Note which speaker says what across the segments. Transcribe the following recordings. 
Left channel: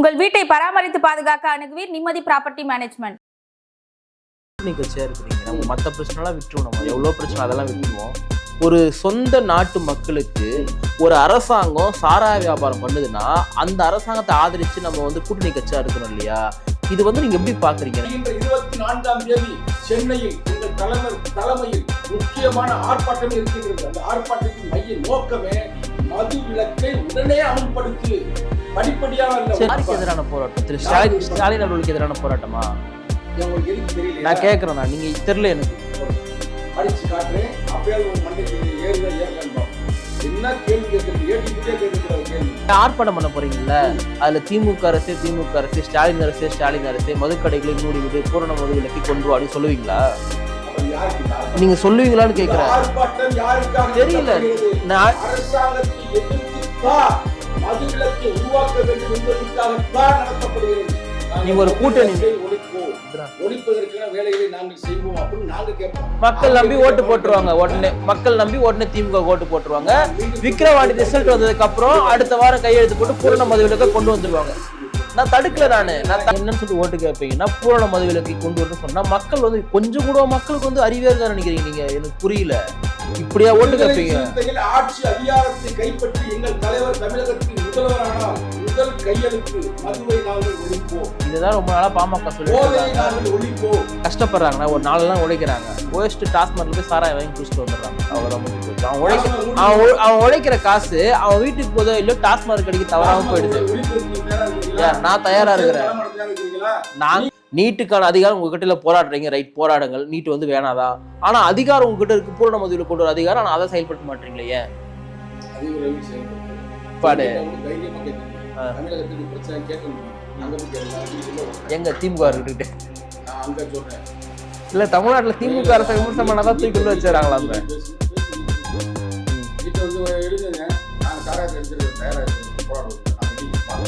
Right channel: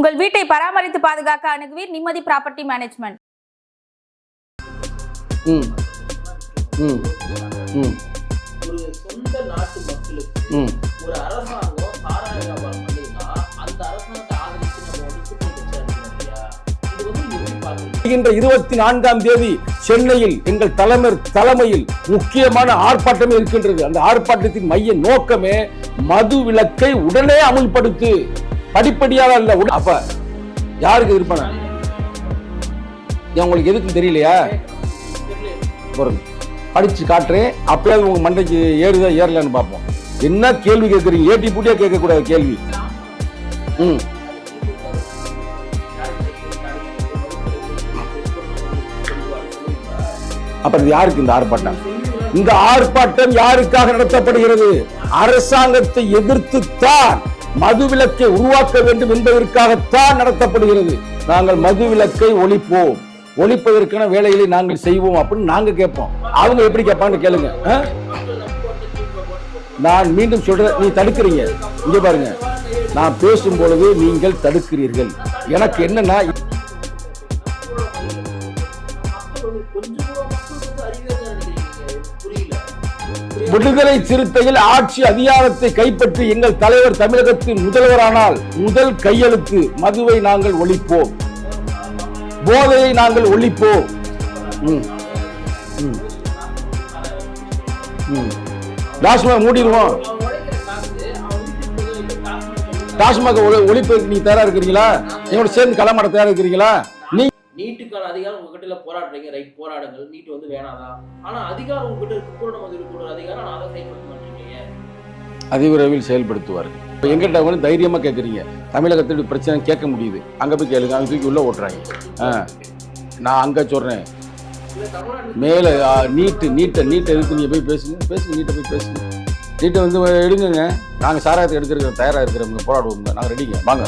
Speaker 1: உங்கள் வீட்டை பராமரித்து பாதுகாக்க அணுகுவீர் நிம்மதி ப்ராப்பர்ட்டி மேனேஜ்மெண்ட்
Speaker 2: நீங்க சேர்க்கிறீங்க
Speaker 3: ம்.
Speaker 2: மத்த பிரச்சனைலாம் விட்டுரும் நம்ம
Speaker 3: ம்.
Speaker 2: எவ்வளவு பிரச்சனை அதெல்லாம். விட்டுருவோம் ஒரு சொந்த நாட்டு மக்களுக்கு. ஒரு அரசாங்கம் சாராய வியாபாரம் பண்ணுதுன்னா அந்த அரசாங்கத்தை ஆதரிச்சு நம்ம வந்து கூட்டணி கட்சியா இருக்கிறோம் இல்லையா இது வந்து நீங்க எப்படி பாக்குறீங்க
Speaker 3: வருகின்ற இருபத்தி நான்காம் தேதி சென்னையில் எங்கள் தலைவர் தலைமையில் முக்கியமான ஆர்ப்பாட்டம் இருக்கின்றது அந்த ஆர்ப்பாட்டத்தின் மைய நோக்கமே மது விலக்கை உடனே அமுல்படுத்து படிப்படியாக அப்ப
Speaker 2: யாருக்கு ஸ்டாலின் அவர்களுக்கு எதிரான போராட்டமா?
Speaker 3: உங்களுக்கு எதுக்கும் தெரியலையா?
Speaker 2: நான் நீங்க தெரியல எனக்கு.
Speaker 3: பொருள் படிச்சு காட்டுறேன் அப்பயாவது உங்க மண்டைக்கு ஏறுதா ஏறலன்னு பார்ப்போம். என்ன கேள்வி கேட்குறீங்க ஏட்டி பூட்டியா கேட்கக்கூடாது கேள்வி.
Speaker 2: ஆர்ப்பாட்டம் பண்ண போறீங்கல்ல. அதுல திமுக அரசு திமுக அரசு ஸ்டாலின் அரசு ஸ்டாலின் அரசு மதுக்கடைகளை மூடிவிடு பூரண மது விலக்கி கொண்டு வான்னு சொல்லுவீங்களா?
Speaker 3: அப்புறம் இது யாருக்கு இந்த ஆர்ப்பாட்டம்?
Speaker 2: நீங்க சொல்லுவீங்களான்னு
Speaker 3: இந்த. ஆர்ப்பாட்டம் யாருக்காக நடத்தப்படுகிறது? அரசாங்கத்தை எதிர்த்துத்தான். மதுவிலக்கை உருவாக்க வேண்டும் என்பதற்காகத்தான் நடத்தப்படுகிறது. நாங்கள் மதுவிலக்கை ஒழிப்போம். ஒழிப்பதற்கான வேலைகளை நாங்கள் செய்வோம் அப்படின்னு நாங்க கேட்போம் அவங்க எப்படி கேட்பாங்க கேளுங்க.
Speaker 2: உடனே மக்கள் நம்பி உடனே திமுக ஓட்டு போட்டுருவாங்க
Speaker 3: நான் மீண்டும் சொல்றேன் தடுக்கிறீங்க
Speaker 2: அப்புறம். அடுத்த வாரம் கையெழுத்து
Speaker 3: நான்
Speaker 2: கொண்டு
Speaker 3: நீங்கள். தடுக்கிறீர்கள் எனக்கு. என்னன்னா
Speaker 2: என்ன சொல்லி ஓட்டு கேட்பீங்கன்னா பூரண மது விலக்கை கொண்டு வந்து சொன்னா மக்கள் வந்து கொஞ்சம் கூட மக்களுக்கு வந்து அறிவே இருக்கான்னு நினைக்கிறீங்க நீங்க எனக்கு புரியல
Speaker 3: விடுதலை? சிறுத்தையில் ஆட்சி அதிகாரத்தை கைப்பற்றி எங்கள் தலைவர் தமிழகத்தின் முதல்வரானால் முதல் கையெழுத்து மதுவை நாங்கள் ஒழிப்போம்
Speaker 2: இதுதான் ரொம்ப நாளா பாமக
Speaker 3: போதையை நாங்கள் ஒழிப்போம்.
Speaker 2: கஷ்டப்படுறாங்க ஒரு நாலு நாள் உழைக்கிறாங்க போயிட்டு டாஸ்மார்க்ல போய் சாராய வாங்கி குடிச்சிட்டு வந்துடுறாங்க. அவன்
Speaker 3: டாஸ்மாக்
Speaker 2: உழைக்கிற காசு அவன் வீட்டுக்கு போதோ இல்ல டாஸ்மார்க் கடைக்கு
Speaker 3: டாஸ்மாக் ஒழிப்பதற்கு நீங்க தயாரா இருக்கிறீங்களா?
Speaker 2: நான் தயாரா.
Speaker 3: களமாட தயாரா இருக்கிறீங்களா?
Speaker 2: நான் நீட்டுக்கான அதிகாரம் உங்ககிட்ட போராடுறீங்க. ரைட் போராடுங்கள். நீட் வந்து வேணாதா? ஆனா அதிகாரம் உங்ககிட்ட இருக்கு. பூரண மதுவில் கொண்டு வர அதிகாரம் ஆனா அதை செயல்படுத்த மாட்டீங்களே
Speaker 3: அதிவிரைவில் செயல்படுத்துவார். எங்கிட்ட வந்து தைரியமா கேக்குறீங்க. தமிழகத்தில் பிரச்சனை கேட்க முடியுது. அங்க போய் கேளுங்க அங்க தூக்கி உள்ள.
Speaker 2: இருந்துட்டு.
Speaker 3: நான் அங்க சொல்றேன்.
Speaker 2: இல்ல தமிழ்நாட்டுல
Speaker 3: மேல
Speaker 2: திமுக அரசு
Speaker 3: நீட்
Speaker 2: பண்ணாதான்
Speaker 3: நீட்
Speaker 2: தூக்கி
Speaker 3: நீட்
Speaker 2: வச்சிடறாங்களா?
Speaker 3: நீங்க போய் பேசுங்க பேசுங்க நீட்டை போய் பேசுங்க நீட்டை வந்து எடுங்க நாங்க சாராயத்தை எடுக்கிறோம் தயாரா இருக்கிறவங்க போராடுவோம். நாங்க ரெடிங்க. வாங்க.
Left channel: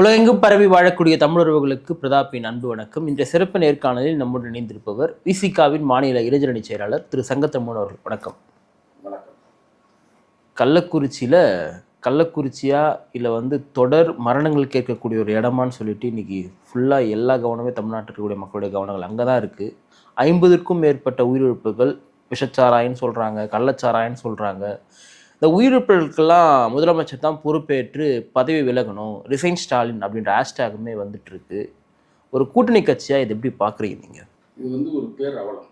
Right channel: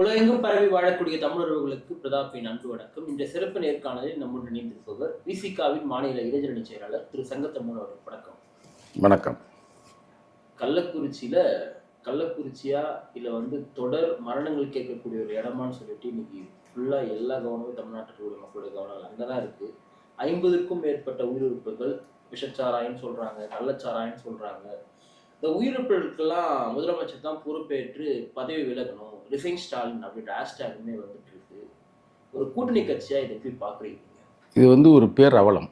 Speaker 2: உலகெங்கும் பரவி வாழக்கூடிய தமிழர்களுக்கு பிரதாப்பின் அன்பு வணக்கம். இன்றைய சிறப்பு நேர்காணலில் நம்முடன் இணைந்திருப்பவர் விசிகாவின் மாநில இளைஞரணி செயலாளர் திரு சங்கத்தம்மன் அவர்கள். வணக்கம்.
Speaker 3: வணக்கம்.
Speaker 2: கள்ளக்குறிச்சியில் கள்ளக்குறிச்சியா இல்லை வந்து தொடர் மரணங்கள் கேட்கக்கூடிய ஒரு இடமான்னு சொல்லிட்டு இன்னைக்கு ஃபுல்லாக எல்லா கவனமே தமிழ்நாட்டில் இருக்கக்கூடிய மக்களுடைய கவனங்கள் அங்கே தான் இருக்குது ஐம்பதுக்கும் மேற்பட்ட உயிரிழப்புகள் விஷச்சாராயன்னு சொல்கிறாங்க கள்ளச்சாராயன்னு சொல்கிறாங்க இந்த உயிரிழப்புகளுக்கெல்லாம் முதலமைச்சர் தான் பொறுப்பேற்று பதவி விலகணும் ரிசைன் ஸ்டாலின் அப்படின்ற ஹேஷ்டேகுமே வந்துட்டு இருக்கு ஒரு கூட்டணி கட்சியாக இது எப்படி பார்க்குறீங்க நீங்கள்
Speaker 3: இது வந்து ஒரு பேர் அவலம்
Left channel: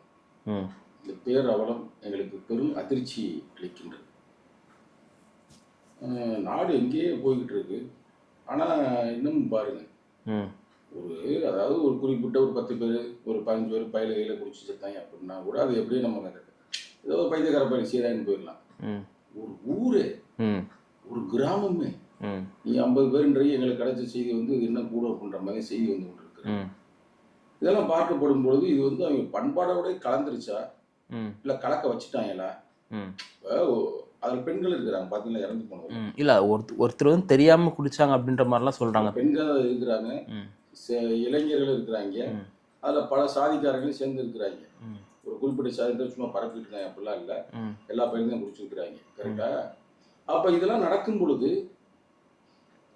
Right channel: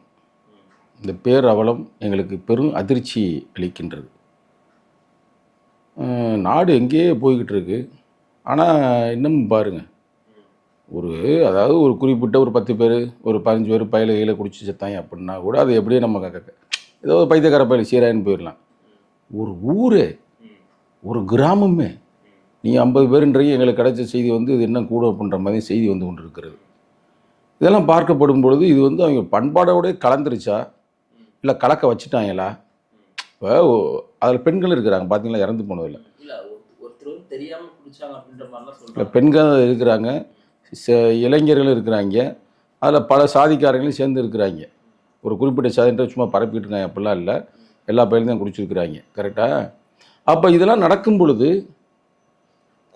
Speaker 3: இந்த பேர் அவலம் எங்களுக்கு பெரும் அதிர்ச்சி அளிக்கின்றது. நாடு எங்கேயே போய்கிட்டு இருக்கு ஆனால் இன்னும் பாருங்க.
Speaker 2: ம்.
Speaker 3: ஒரு அதாவது ஒரு குறிப்பிட்ட ஒரு பத்து பேர் ஒரு பதினஞ்சு பேர் பயில கையில் குடிச்சு செத்தாங்க அப்படின்னா கூட அது எப்படியே நம்ம ஏதோ பைத்தியக்கார பயில சீராயின்னு போயிடலாம். ஒரு ஊரே ஒரு கிராமமே. நீங்கள் ஐம்பது பேருன்றீங்க எங்களுக்கு கிடைச்ச செய்தி வந்து இது என்ன கூட அப்படின்ற மாதிரி செய்தி வந்து கொண்டு இருக்கிறது
Speaker 2: ம்.
Speaker 3: இதெல்லாம் பார்க்கப்படும் பொழுது இது வந்து அவங்க பண்பாடோட கலந்துருச்சா? இல்லை கலக்க வச்சுட்டாங்களா?
Speaker 2: ம்.
Speaker 3: இப்போ அதில் பெண்கள் இருக்கிறாங்க. பார்த்தீங்களா இறந்து போனதில்.
Speaker 2: ம். இல்ல ஒருத்தர் ஒருத்தர் வந்து தெரியாம குடிச்சாங்க அப்படின்ற மாதிரிலாம் சொல்றாங்க.
Speaker 3: பெண்கள் இருக்கிறாங்க. இளைஞர்கள் இருக்கிறாங்க. அதில் பல சாதிக்காரங்களும் சேர்ந்து இருக்கிறாங்க. ஒரு குறிப்பிட்ட சாதின்ற சும்மா பரப்பிட்டு இருக்காங்க அப்படிலாம் இல்லை. எல்லா பயிலும் தான் குடிச்சிருக்கிறாங்க கரெக்டாக அப்போ இதெல்லாம் நடக்கும் பொழுது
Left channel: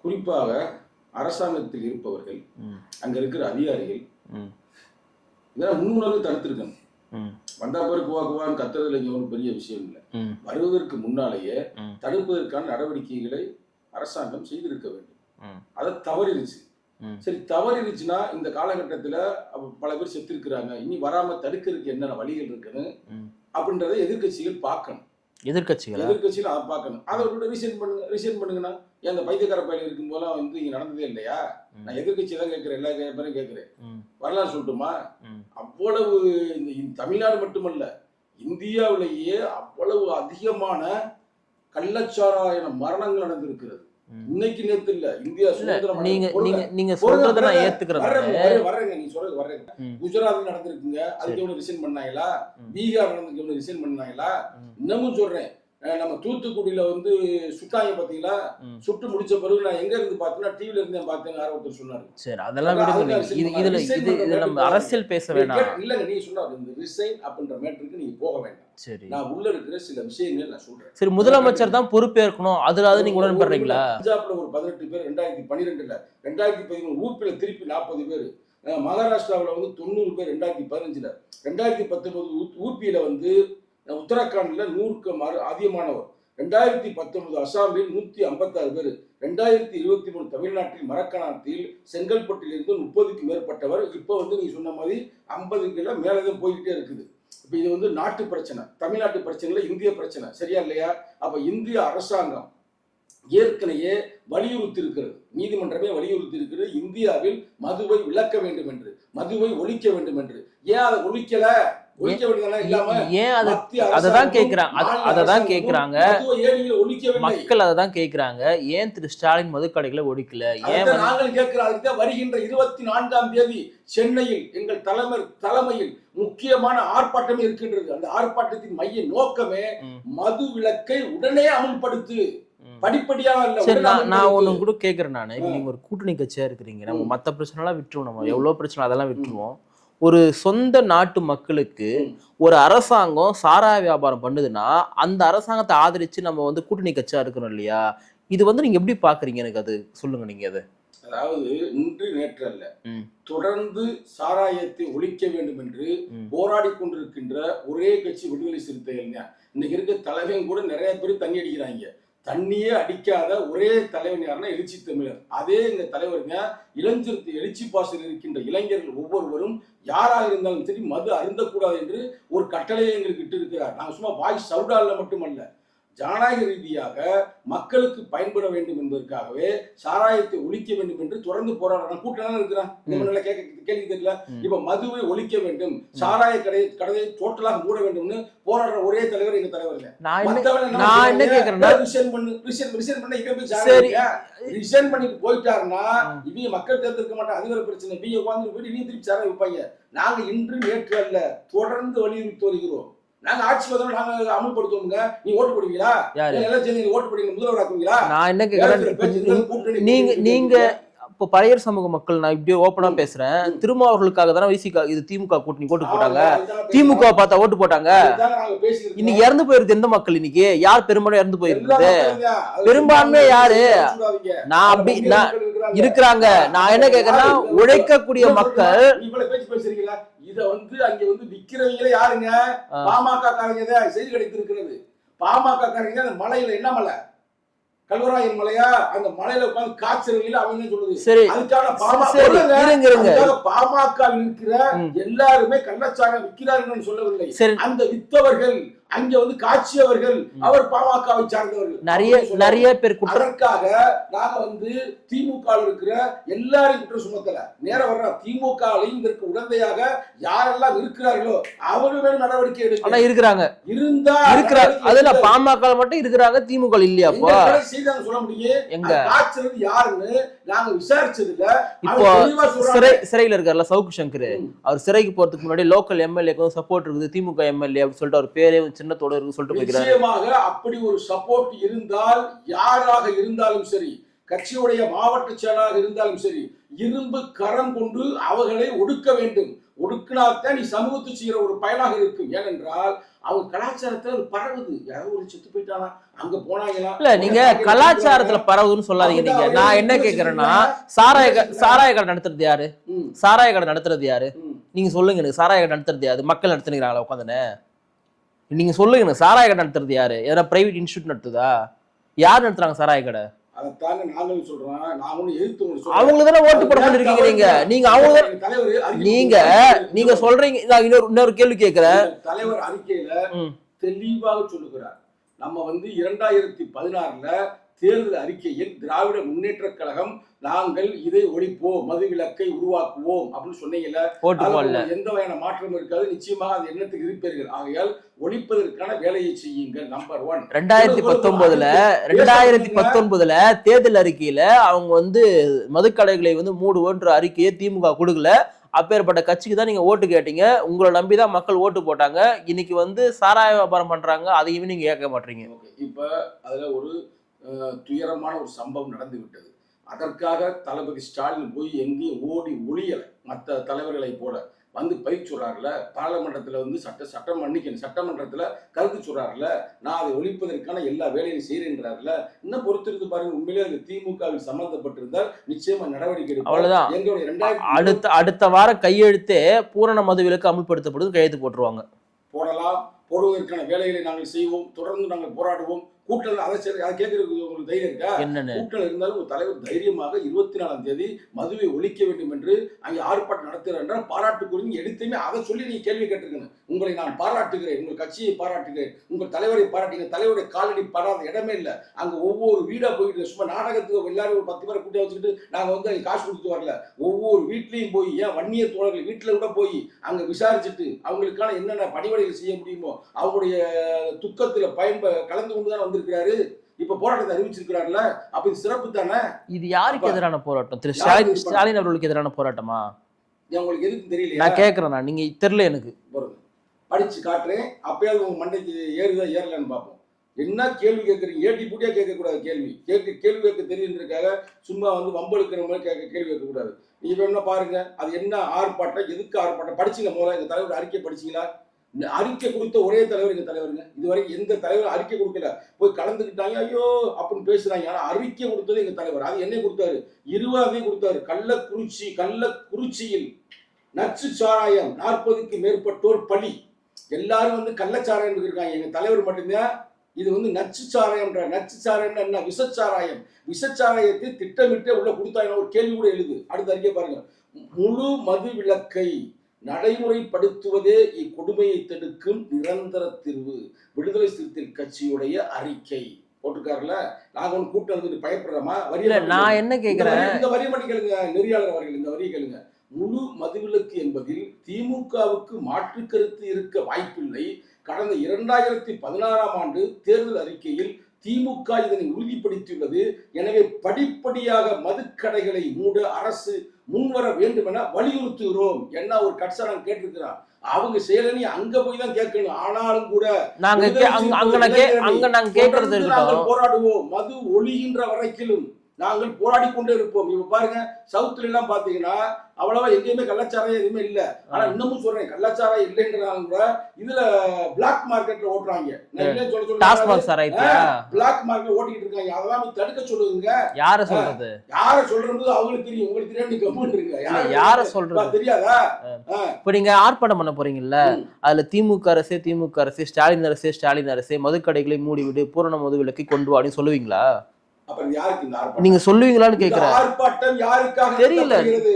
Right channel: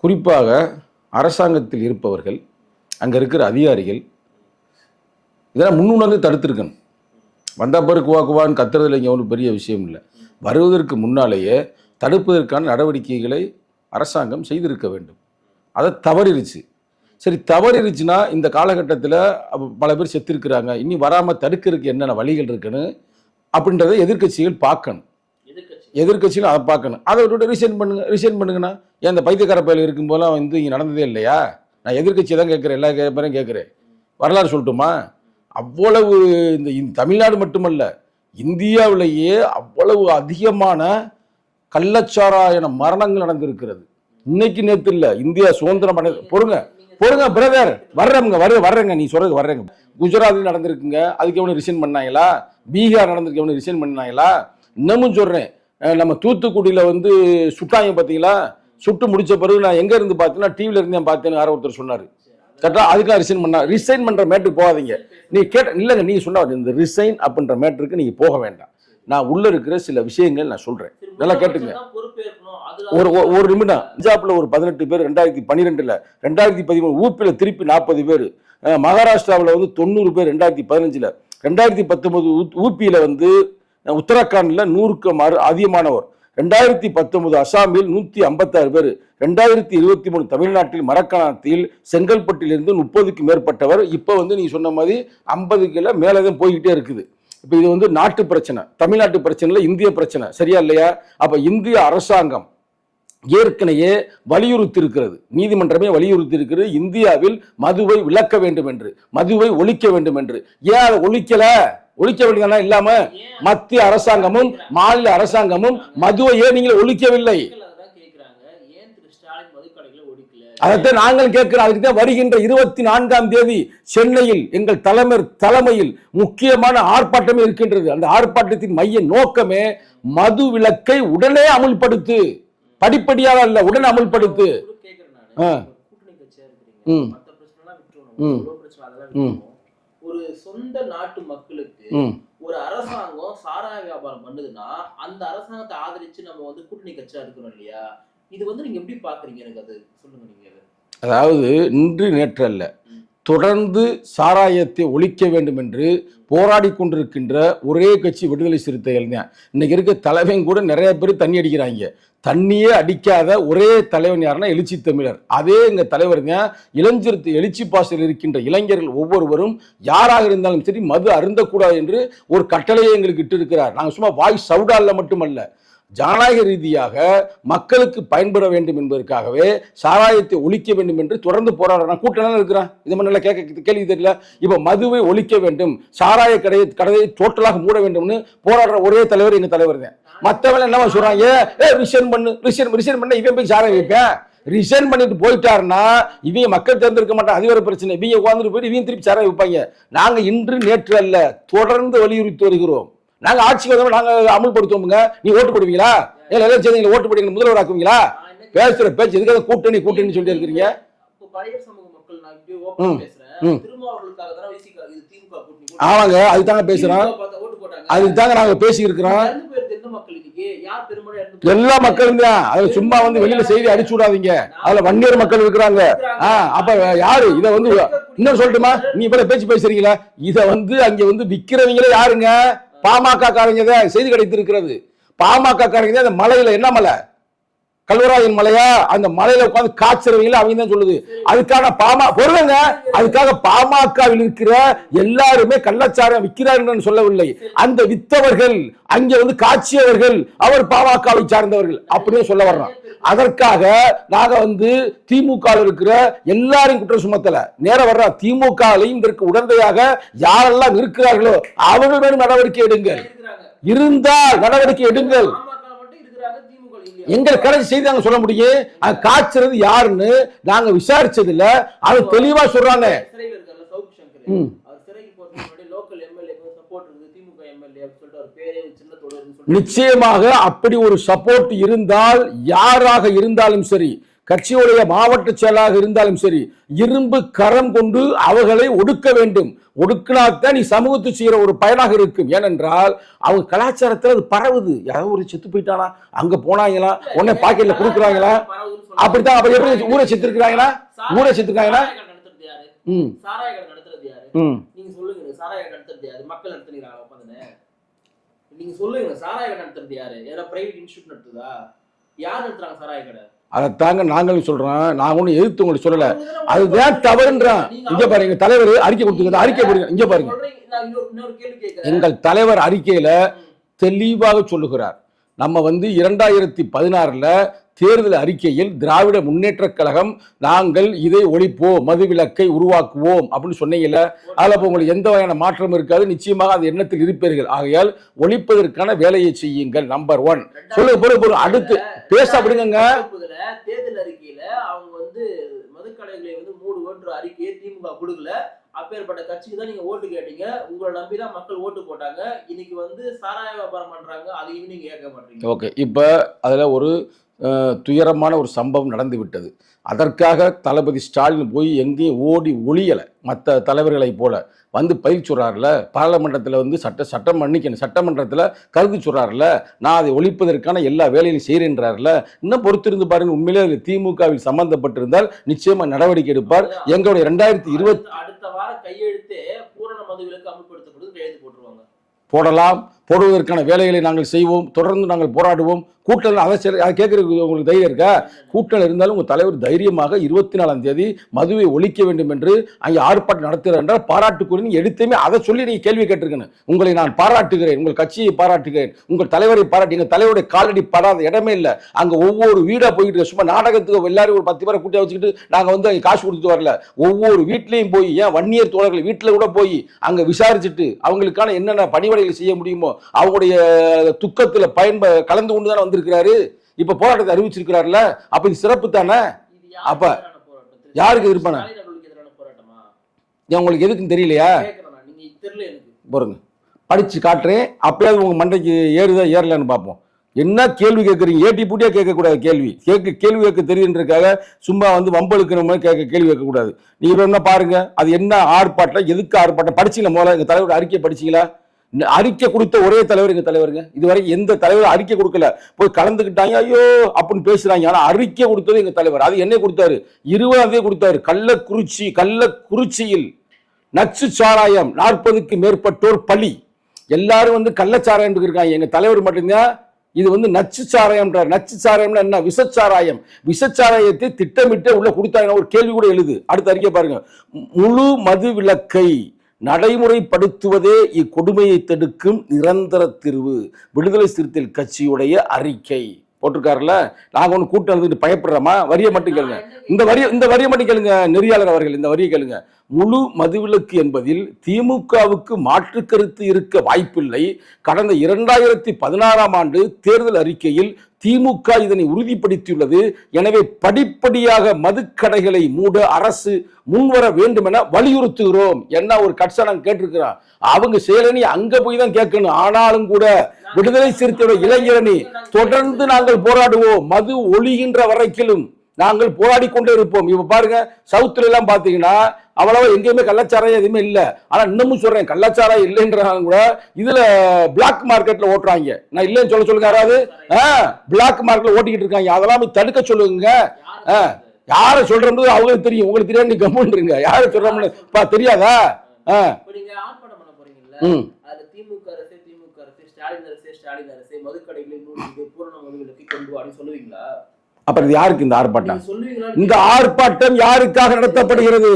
Speaker 3: குறிப்பாக அரசாங்கத்தில் இருப்பவர்கள். அங்கே இருக்கிற அதிகாரிகள். இதெல்லாம் முன்னுணர்ந்து தடுத்திருக்கணும். வந்த பிறகு குவா குவான்னு கத்துறதுல இங்கே ஒன்றும் பெரிய விஷயம் இல்லை. வருவதற்கு முன்னாலேயே. தடுப்பதற்கான நடவடிக்கைகளை அரசாங்கம் செய்திருக்க வேண்டும். அதை தவறிருச்சு
Speaker 2: ம்.
Speaker 3: சரி தவறிருச்சுன்னா இந்த காலகட்டத்தில் பல பேர் செத்துருக்குறாங்க. இனி வராமல் தடுக்கிறதுக்கு என்னென்ன வழிகள் இருக்குன்னு. அப்படின்றத எதிர்க்கட்சிகள் பார்க்கணும்.
Speaker 2: எதிர்க்கட்சிகள்.
Speaker 3: எதிர்க்கட்சிகள் அதை பார்க்கணும். அதை விட்டுட்டு ரிசைன் பண்ணுங்க ரிசைன் பண்ணுங்கன்னா ஏன் இந்த பைத்தியக்கார பயில இருக்கும் போதெல்லாம் வந்து இங்கே நடந்ததே இல்லையா? நான் எதிர்க்கட்சியை தான் கேட்குறேன் எல்லா பேரையும் கேட்குறேன். வரலாறு சொல்லட்டுமா. அவ்வளவு இந்த தமிழ்நாடு மட்டுமல்ல இந்தியாவிலேயே அவ்வளவு அதிகமான கள்ளச்சாராயன மரணங்கள் நடந்திருக்கிறது. இன்னைக்கு நேத்து இல்ல. இந்தியா சுதந்திரம் அடை
Speaker 2: நீங்க-
Speaker 3: பொறுங்க பொறுங்க பிரதர். வர்றவங்க வர வர்றேங்க நீ சொல்றது வர்றேங்க.
Speaker 2: ம்.
Speaker 3: குஜராத்தில் நடந்திருக்குங்க. அதுக்கு எவ்வளவு ரிசைன் பண்ணாங்களா? பீகார் நடந்திருக்கு எவ்வளவு ரிசைன் பண்ணாங்களா? இன்னமும் சொல்றேன். நம்ம தூத்துக்குடியில வந்து சுட்டாங்க பாத்தீங்களா
Speaker 2: ம்.
Speaker 3: சுட்டு முடிச்ச பிறகு நான் எங்க இருந்து பார்த்தேன்னா டிவில இருந்து பார்த்தேன்னு யாரோ ஒருத்தர் சொன்னாரு? அதுக்காக resign பண்ணா.
Speaker 2: இது-
Speaker 3: பண்ற மேட்டுக்கு போகாதீங்க. நீ. கேட்ட இல்லங்க நீ சொன்ன இந்த ரிசைன் அப்படின்ற மேட்டருக்கு நீங்க போக வேண்டாம் நான் உள்ள இருக்கிற சில விஷயங்கள் நான் சொல்றேன்
Speaker 2: சரி முதலமைச்சர். தான் பொறுப்பேற்கணும் அதுல
Speaker 3: ஒரு
Speaker 2: நீங்க
Speaker 3: ஒரு-? நிமிடம் பஞ்சாப்ல ஒரு பதினெட்டு பேர் ரெண்டாயிரத்தி பன்னிரெண்டுல ரெண்டாயிரத்தி பதிமூணு ஊப்பில திருப்பி நாற்பது பேர் மகாராஷ்டிராவில் வந்து தொண்ணூறு பேர் ரெண்டாயிரத்தி பதினஞ்சுல ரெண்டாயிரத்தி பத்தொன்பது ஊப்பியில வந்து உத்தரகாண்டில் நூறுக்கு மாறு அதிகமானவர். ரெண்டாயிரத்தி பத்தொன்பது அசாமில் நூற்றி ஐம்பத்தாறு பேர். ரெண்டாயிரத்தி இருபத்தி மூணு தமிழ்நாட்டில் மரக்காணத்தில் செங்கல்பட்டிலிருந்து முப்பதுக்கு மேற்பட்டவர். இப்போ வந்து நீங்கள் சொன்ன மாதிரி ஐம்பதுக்குல மேலே தான் போய்கிட்டே இருக்குது. இப்போ இது வந்து நாட்டு பிரச்சனை. தமிழ்நாட்டு பிரச்சனை இல்லை இந்திய பிரச்சனை. சரியா இல்லையா? அப்போ இந்திய அரசாங்கம் ஏற்கனவே வலியுறுத்தி இருக்கிறது நீதிமன்றமே வலியுறுத்தி இருக்கிறது இந்தியாவில் மதுவை விலக்க வேண்டும் என்று மதுவை ஒழிக்க வேண்டும் என்று. ஏன் அதை ஒழிக்கலை? ஒழிக்க வேண்டியதானா இல்லாம மத்திய அரசாங்கமும். மாநில அரசாங்கமும். மதுவை ஏன் நீங்கள் ஒழிக்கவில்லை
Speaker 2: அததான் கேக்குறாங்க ஏன் திரு ஸ்டாலின் மதுக்கடைகளை ஒழிக்கல
Speaker 3: அதைத்தான் நாங்கள் கேட்கிறோம் அதுக்கு தான் வருகின்ற இருபத்தி நான்காம் தேதி சென்னையில் எங்கள் தலைவர் தலைமையில் முக்கியமான ஆர்ப்பாட்டமே இருக்கின்றது அந்த ஆர்ப்பாட்டத்தின் மைய நோக்கமே. மது விலக்கை உடனே அமுல்படுத்து. படிப்படியாக
Speaker 2: சரி,
Speaker 3: உடனே அமுல்படுத்து
Speaker 2: கூட கேக்குறேன் நானு. நீங்க ஒரு கூட்டணி கட்சியா இருக்கிறீங்க மத்த பிரச்சனை எல்லாம் விட்டுருவோம் நம்ம. எவ்வளவு பிரச்சனை அதெல்லாம் விட்டுருவோம் ஒரு சொந்த நாட்டு மக்களுக்கு. ஒரு அரசாங்கம் சாராய வியாபாரம் பண்ணுதுன்னா அந்த அரசாங்கத்தை ஆதரிச்சு நம்ம வந்து கூட்டணி கட்சியா இருக்கிறோம் இல்லையா? இது வந்து நீங்க எப்படி பாக்குறீங்க எனக்கு அது? சொல்லுங்க நீங்க அது.
Speaker 3: அதாவது இன்று நேற்று அல்ல. தொடர்ந்து சாராயத்தை ஒழிக்க வேண்டும் என்று. போராடி கொண்டிருக்கின்ற ஒரே கட்சி விடுதலை சிறுத்தைகள் தான். இன்னைக்கு இருக்க தலைவன் கூட நிறைய பேர் தண்ணி அடிக்கிறாங்க. தண்ணியே அடிக்காத ஒரே தலைவன் யாருன்னா எழுச்சி தமிழர். அதே எங்க தலைவர் தான் இளஞ்சிறுத்தை எழுச்சி பாசல் இருக்கின்ற இளைஞர்கள் ஒவ்வொருவரும் யாராக இருந்தாலும் சரி மது அருந்தக்கூடாது என்று ஒரு கட்டளையை எங்களுக்கு இட்டு இருக்கிறார் நாங்கள் சும்மா வாய் சவுடால மட்டுமல்ல. ஜனநாயக ரீதியாக மக்களுக்கு பயன்பட வேண்டும் என்பதற்காகவே சாராயத்தை ஒழிக்க வேண்டும் என்று தொடர்ந்து போராடுறான் கூட்டம் இருக்கிறான். இது மாதிரி கேட்க கேள்வி தெரியல. இப்ப மதுவை ஒழிக்க வேண்டும் சாராய கடையை கடையை டோட்டலாக மூட வேண்டும்னு போராடுற ஒரே தலைவர் எங்க தலைவர் மத்தவங்க என்ன சொல்றாங்க? ரிசைன் பண்ணு ரிசைன் ரிசைன் பண்ண இவன் போய் சாராயம்
Speaker 2: சரி.
Speaker 3: இருக்க ரிசைன் பண்ணிட்டு போயிட்டாருன்னா இவங்க மக்கள் தேர்ந்தெடுக்க மாட்டாங்க. அது வேற பிரச்சனை. இவங்க உட்காந்துட்டு போயிட்டு இவங்க திருப்பி சாராயம் விற்பாங்க நாங்க இன்று நேற்று அல்ல தொடர்ந்து வலியுறுத்தி வருகிறோம். நாங்க ஆட்சிக்கு வந்தோம் நாங்க அமல்படுத்துவோமுங்க. நீ ஓட்டு போடுவீங்களா? எல்லாம் சேர்ந்து ஓட்டு போடுவீங்க முதல்வர் ஆக்குவீங்களா
Speaker 2: நான் என்ன
Speaker 3: பேசுற பேச்சு கூட்டணி
Speaker 2: நீங்க
Speaker 3: கூட்டணி சொல்லி.
Speaker 2: இப்போ பழையர் சமூக மக்கள் நான் இப்படி ஓப்பனா. பேசுறேன். திருமாவர்களுக்காக தானே விசிகா இது திமுக கூட்டணி
Speaker 3: அதுதாங்க
Speaker 2: திமுக பார்த்தா ஓட்டு போட்டாங்க.
Speaker 3: அதுதாங்க நாங்க பேசி இருக்கிறோம்
Speaker 2: இறந்து போயிருது எந்த மக்கள் இன்னைக்கு? யார் பெரும்பாலும் இறந்து போயிருக்கு
Speaker 3: எல்லா மக்களும்
Speaker 2: பெரும்பான்மை யாரு?
Speaker 3: அடிச்சு விடாதீங்க வன்னியர் மக்கள் இருக்கிறாங்க.
Speaker 2: இருக்கிறாங்க.
Speaker 3: யாரு? இதை
Speaker 2: உழைக்கக்கூடிய
Speaker 3: சொல்லட்டுமா? நீ இப்ப பேச்சு பேசுறீங்களா. இத வந்து அங்க வந்து விக்கிறவங்களே யாருங்க. பாமக காரங்க செய்தி கிடைத்திருக்கிறது. பாமக காரங்க அந்த மலையில என்ன மலை? கல்வராயன் மலையா? அந்த மலையில உட்கார்ந்து காய்ச்சறவங்கள அவங்க தான் சொல்லுது. அதுக்கான பாமா. அதுக்காக பாமகவில் இருக்கிற. எல்லாருமே கள்ளச்சாரம் விற்கிறார்கள் சொல்லவில்லை. அந்த வித்தவர்கள் அங்க வந்து காட்சியவர்கள் அவர் பாமகவை சார்ந்தவர்கள்.
Speaker 2: நிறைய
Speaker 3: சொல்ல அதற்காக நாங்க வந்து திமுக இருக்கிற எல்லாரையும் குற்றம் சுமத்தல. நேர வர்ற. திமுகலையும் இதற்கு உடந்தையாக யாரெல்லாம் இருக்கிறார்களோ அவர்கள் மேலும் நடவடிக்கை எடுங்க.
Speaker 2: இருக்கிறாங்க.
Speaker 3: இருந்தா நடவடிக்கை எடுங்க
Speaker 2: பாமக மட்டும் இருக்கிறாங்க திமுக இல்லையா?
Speaker 3: எங்க கணக்கு செய்தி நாங்க சொல்ல முடியும். காய்ச்சறது யாருன்னு நாங்க விசாரிச்சது இல்ல அது
Speaker 2: இப்போ
Speaker 3: தெளிவா சொல்றாங்க.
Speaker 2: சிறை- சிறையில இருக்கார்ல சவுக்கு சங்கர். அவர் சிறைக்கு போறதுக்கு முன்னாடி லோக்கல் எம்எல்ஏக்கு சப்போர்ட் இருக்குது. திமுக எம்எல்ஏ அப்படின்னு சொல்லிட்டு அவர் பேரே சின்னத்தோட இருக்கு சொல்லிட்டு.
Speaker 3: நிச்சயமாக அப்படி ஒரு சப்போர்ட் இருந்தால் யாராக இருந்தாலும் சரி கட்சியுடைய மாவட்ட செயலாளராக இருந்தாலும் சரி இரும்பு கரம் கொண்டு அவர்களை ஒடுக்க வேண்டும். ஒடுக்கினாத்தான் நீ சமூகத்து செய்யற ஒரு பயனாக இருக்கும். ஏனென்றால் அவங்க கலாச்சாரத்துல அது பரவுது. யாரோ ஒரு செத்து போயிட்டானா? அங்க போனாங்களா?
Speaker 2: சாராய கடை- நடத்துறது யாரு? சாராய கடை நடத்துறது யாரு. நீங்க சொல்லுங்க எனக்கு சாராய கடை நடத்துறது யாரு? மக்கள் நடத்துனீங்களா உட்காந்துன்னு. நீங்க சொல்லுங்க எனக்கு சாராய கடை நடத்துறது யாரு? எதனா பிரைவேட் இன்ஸ்டியூட் நடத்துதா? யார் நடத்துறாங்க சாராய கடை?
Speaker 3: அதைத்தாங்க நாங்களும் சொல்றோம். நான் ஒண்ணு எதிர்த்து உங்களுக்கு
Speaker 2: இருக்கீங்க. நீங்க
Speaker 3: தலைவர் அறிக்கை
Speaker 2: நீங்க நீங்க. சொல்றீங்க. இன்னொரு இன்னொரு கேள்வி கேட்கிறேன்
Speaker 3: எங்கள் தலைவர் அறிக்கையில. தெளிவாக சொல்லுகிறார். நம்ம வந்து இரண்டாயிரத்தி பதினாறுல தேர்தல் அறிக்கையில் திராவிட முன்னேற்ற கழகம் நாங்கள் இதை ஒழிப்போம் மதுவிலக்கை உருவாக்குவோம் அப்படின்னு சொன்னீங்கல்ல அதுல. உங்களுக்கு எந்த வகையான மாற்றம் இருக்காது நிச்சயமாக அது எண்ணத்தில் இருப்பீர்கள். ஆகையால் ஒழிப்பதற்கான வேலையை செய்யுங்கள் நம்பர் ஒன்
Speaker 2: தேர்தல் அறிக்கையில அவங்க வந்து மதுக்கடைகளை வந்து மூடுவோன்ற அறிக்கையை திமுக கொடுக்கல. அப்பேற்பட்ட கட்சிக்கு தான் நீங்க ஓட்டு கேட்டீங்க. உங்களை நம்பி தான் மக்கள் ஓட்டு போட்டாங்க. இன்னைக்கு வந்து சாராய வியாபாரம் பண்றாங்க. அதையுமே நீங்க கேட்க மாட்டீங்க.
Speaker 3: ஓகே இப்போ அதில் ஒரு துயரமான ஒரு சம்பவம் நடந்து விட்டது அதற்காக தளபதி ஸ்டாலின் போய் எங்கேயும் ஓடி ஒளியலை மற்ற தலைவர்களைப் போல வந்து பதில் சொல்றாருல பாராளுமன்றத்தில் வந்து சட்ட சட்டம் மன்னிக்கணும் சட்டமன்றத்தில் கருத்து சொல்றாருல நான் அதை ஒழிப்பதற்கான எல்லா வேலையும் செய்கிறேன்றாருல இன்னும் பொறுத்திருந்து பாருங்க உண்மையிலே அது திமுகவில் சம்பந்தப்பட்டிருந்தால் நிச்சயமா நடவடிக்கை எடுப்பார். எங்களுடைய ரெண்டாயிரத்தி
Speaker 2: அடுத்த அடுத்த வாரம் கையெழுத்தே பூரண மதுவிலக்கு அமல்படுத்தப்படுது கையெழுத்து போட்டுருவாங்க.
Speaker 3: போடலாம். போடுவதற்கான வேலைகளை நாங்கள் செய்வோம். தொடர்ந்து நாங்கள் போராடுவோம். கூட்டல் அதை கேட்கறதுக்கு உங்களுக்கு தைரியம் இருக்கா? கூட்டம் இருந்தாலும் உங்க தலைவர் தைரியமாக இருபத்தி நாலாம் தேதி மதுவை ஒழிக்க வேண்டும் என்று அங்கே ஆர்ப்பாட்டம் நடத்துகிறார் என்றால் பாராட்டுக்குரிய எடுத்துமே அதை சொல்லி நீங்க கேள்வி கேட்டிருக்கணும். உங்களை நான் பாராட்டுகிறேன் உங்கள் கட்சியை பாராட்டுகிறேன் உங்கள் தலைவரை பாராட்டி எங்க தலைவருடைய காலடி படாத இடமே இல்லை. அங்க ஒவ்வொரு வீடா போயிட்டு. சும்மா நாடகத்துக்கு எல்லாரும் ஒரு பத்து பேரை கூட்டி வச்சுக்கிட்டு நாங்க வந்து அங்க காசு கொடுத்து வரல. ஒவ்வொரு வீட்லயும் போய் ஏன் வன்னியர் தோழர்கள் வீட்டுல கூட போய் அங்க விசாரிச்சுட்டு அவங்களுக்கான என்னென்ன பணிவடைகள் செய்ய முடியுமோ அவங்களுடைய துக்கத்துல பயன்ப கலந்து கொண்டு தானே வந்திருக்கிறாரு இப்ப போராட்டத்தை அறிவிச்சிருக்கிறாருல. அப்ப இது சிறப்பு தானே?
Speaker 2: இது யாருக்கு எதிரான போராட்டம்? திரு ஸ்டாலின் அவர்களுக்கு எதிரான போராட்டமா?
Speaker 3: உங்களுக்கு எதுக்குன்னு தெரியலையா?
Speaker 2: கேக்குறேன் நான். நீங்க தெரியல எனக்கு.
Speaker 3: பாருங்க படிச்சு காட்டுறேன். அப்பயாவது உங்க மண்டைக்கு ஏறுதா ஏறலன்னு பார்ப்போம். என்ன கேள்வி கேட்குறீங்க ஏட்டி பூட்டியா கேட்கக்கூடாது கேள்வி. கேட்க கேள்வி கேட்க தெரியுன்றதுக்காக சும்மா வந்து வம்பெழுக்கிற மாதிரி கேட்க கேள்வி கேட்கக்கூடாது. நீங்க இப்ப என்ன பாருங்க. அது என்ன ஆர்ப்பாட்டம்? எதுக்கு ஆர்ப்பாட்டம்? படிச்சீங்களா முதல்ல? எங்க தலைவர் அறிக்கை படிச்சீங்களா? அறிக்கை கொடுத்த ஒரே தலைவர் எங்க தலைவருங்க? இதுவரை எந்த தலைவர் அறிக்கை கொடுக்கல. போய் கலந்துக்கிட்டாங்க ஐயோ அப்படின்னு பேசுறாங்க. ஆனா அறிக்கை கொடுத்தது எங்க தலைவர். அது என்ன கொடுத்தாரு. இருபதாம் தேதி கொடுத்தாரு. கள்ளக்குறிச்சி கள்ளக்குறிச்சியில் நச்சு சாராயம் நாற்பதுக்கு மேற்பட்டோர் பலி. எல்லாரும் வந்து கள்ளச்சாராயம் இருக்காங்க. எங்க தலைவர் மட்டும்தான் இது வந்து நச்சு சாராயம்ன்றார். நச்சு சாராயம்னா என்ன? விஷச்சாராயம். விஷச்சாராயத்தை திட்டமிட்டு உள்ள கொடுத்தாங்க ஒரு கேள்வி கூட எழுது. அடுத்த அறிக்கை பாருங்க. முழு மது விளக்கை நடைமுறைப்படுத்துவதே இக்கொடுமையை தடுக்கும் நிரந்தர தீர்வு. விடுதலை சிறுத்தைகள் கட்சியுடைய அறிக்கை. போட்டிருக்காருல்ல? நாங்க ஒன்று கூட்டம் நடந்துட்டு பயப்படுறோமா? வரிய மட்டும் இந்த வரி இந்த வரியை மட்டும் கேளுங்க. நெறியாளர் அவர்கள் இந்த வரியை கேளுங்க. முழு மதுவிலக்கு என்பதில் திமுகவுக்கு மாற்று கருத்து இருக்க வாய்ப்பில்லை. கடந்த இரண்டாயிரத்தி பதினாறாம் ஆண்டு தேர்தல் அறிக்கையில் திமுக இதனை உறுதிப்படுத்தியுள்ளது. எனவே படிப்படியாக மதுக்கடைகளை மூட அரசு முன்வர வேண்டும் என வலியுறுத்துகிறோம். என்ன ஒரு கட்சணம் கேட்டிருக்கிறான்? அவங்க செயலனி அங்க போய் தான் கேட்கணும். ஆனாலும் கூட
Speaker 2: நாங்க
Speaker 3: விடுதலை
Speaker 2: நாங்க-
Speaker 3: இளைஞரணி
Speaker 2: நாங்க
Speaker 3: தொடர்ந்து நாங்கள். போராடுவோம். மது ஒழிகின்ற வரைக்கிலும் நாங்கள் போராடி கொண்டே இருப்போம். இப்ப பாருங்க சவுத்துல எல்லாம் பாத்தீங்கன்னா அவ்வளவா எங்கேயுமே கள்ளச்சாராயம் எதுவுமே இல்ல. ஆனா இன்னமும் சொல்றேன் கள்ளச்சாராயம் இல்லைன்றாங்க கூட இதுல பிளாக் மார்க்கெட்ல ஓட்டுறாங்க. நான் இல்லைன்னு சொல்ல சொல்லுங்க அதாவது பிளாக் மார்க்கெட்ல ஓட்டிக்கிட்டு இருக்காங்க. அதெல்லாம் தடுக்க சொல்லுங்க.
Speaker 2: யார சொல்றது?
Speaker 3: அவங்களுக்கு தெரியும். உங்களுக்கு தெரியாது நீ கம்முன்றீங்க யாரு தெரியாதா?
Speaker 2: இப்ப நீங்க ஆர்ப்பாட்டம் பண்ண போறீங்கல்ல. அதுல திமுக அரசே திமுக அரசே ஸ்டாலின் அரசே ஸ்டாலின் அரசே மதுக்கடைகளை மூடிவிடு பூரண மது விலக்கை கொண்டு வாடின்னு சொல்லுவீங்களா?
Speaker 3: அப்புறம் யாருக்கு இந்த ஆர்ப்பாட்டம்?
Speaker 2: நீங்க சொல்லுவீங்களான்னு
Speaker 3: இந்த. ஆர்ப்பாட்டம் யாருக்காக நடத்தப்படுகிறது?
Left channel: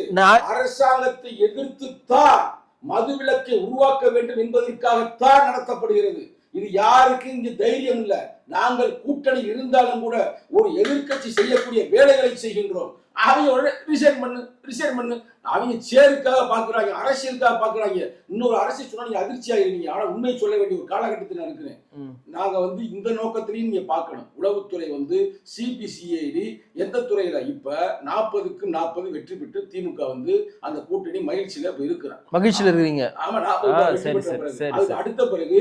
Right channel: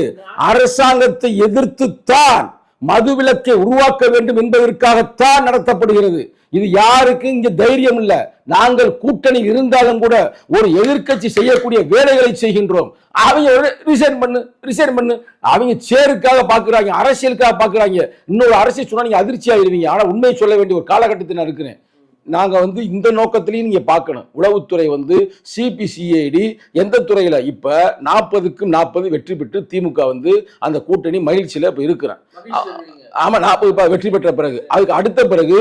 Speaker 3: அரசாங்கத்தை எதிர்த்துத்தான் மதுவிலக்கை உருவாக்க வேண்டும் என்பதற்காகத்தான் நடத்தப்படுகிறது. இது யாருக்கு இங்க தைரியம் இல்ல. நாங்கள் கூட்டணி இருந்தாலும் கூட ஒரு எதிர்க்கட்சி செய்யக்கூடிய வேலைகளை செய்கின்றோம். அவங்க ரிசைன் பண்ணு ரிசைன் பண்ணு. அவங்க சேருக்காக பாக்குறாங்க அரசியலுக்காக பாக்குறாங்க. இன்னொரு அரசியல் சொன்னா நீங்க அதிர்ச்சி ஆகிடுவீங்க ஆனா உண்மையை சொல்ல வேண்டிய ஒரு காலகட்டத்தில் நான் இருக்கிறேன்.
Speaker 2: ம்.
Speaker 3: நாங்க வந்து இந்த நோக்கத்திலையும் நீங்க பார்க்கணும். உளவுத்துறை வந்து சிபிசிஐடி எந்த துறையில? இப்ப நாற்பதுக்கும் நாற்பது வெற்றி பெற்று திமுக வந்து அந்த கூட்டணி மகிழ்ச்சியில இப்ப இருக்கிறேன்
Speaker 2: மகிழ்ச்சியில இருக்கிறீங்க.
Speaker 3: ஆமா நாற்பது வெற்றி பெற்ற பிறகு. அதுக்கு அடுத்த பிறகு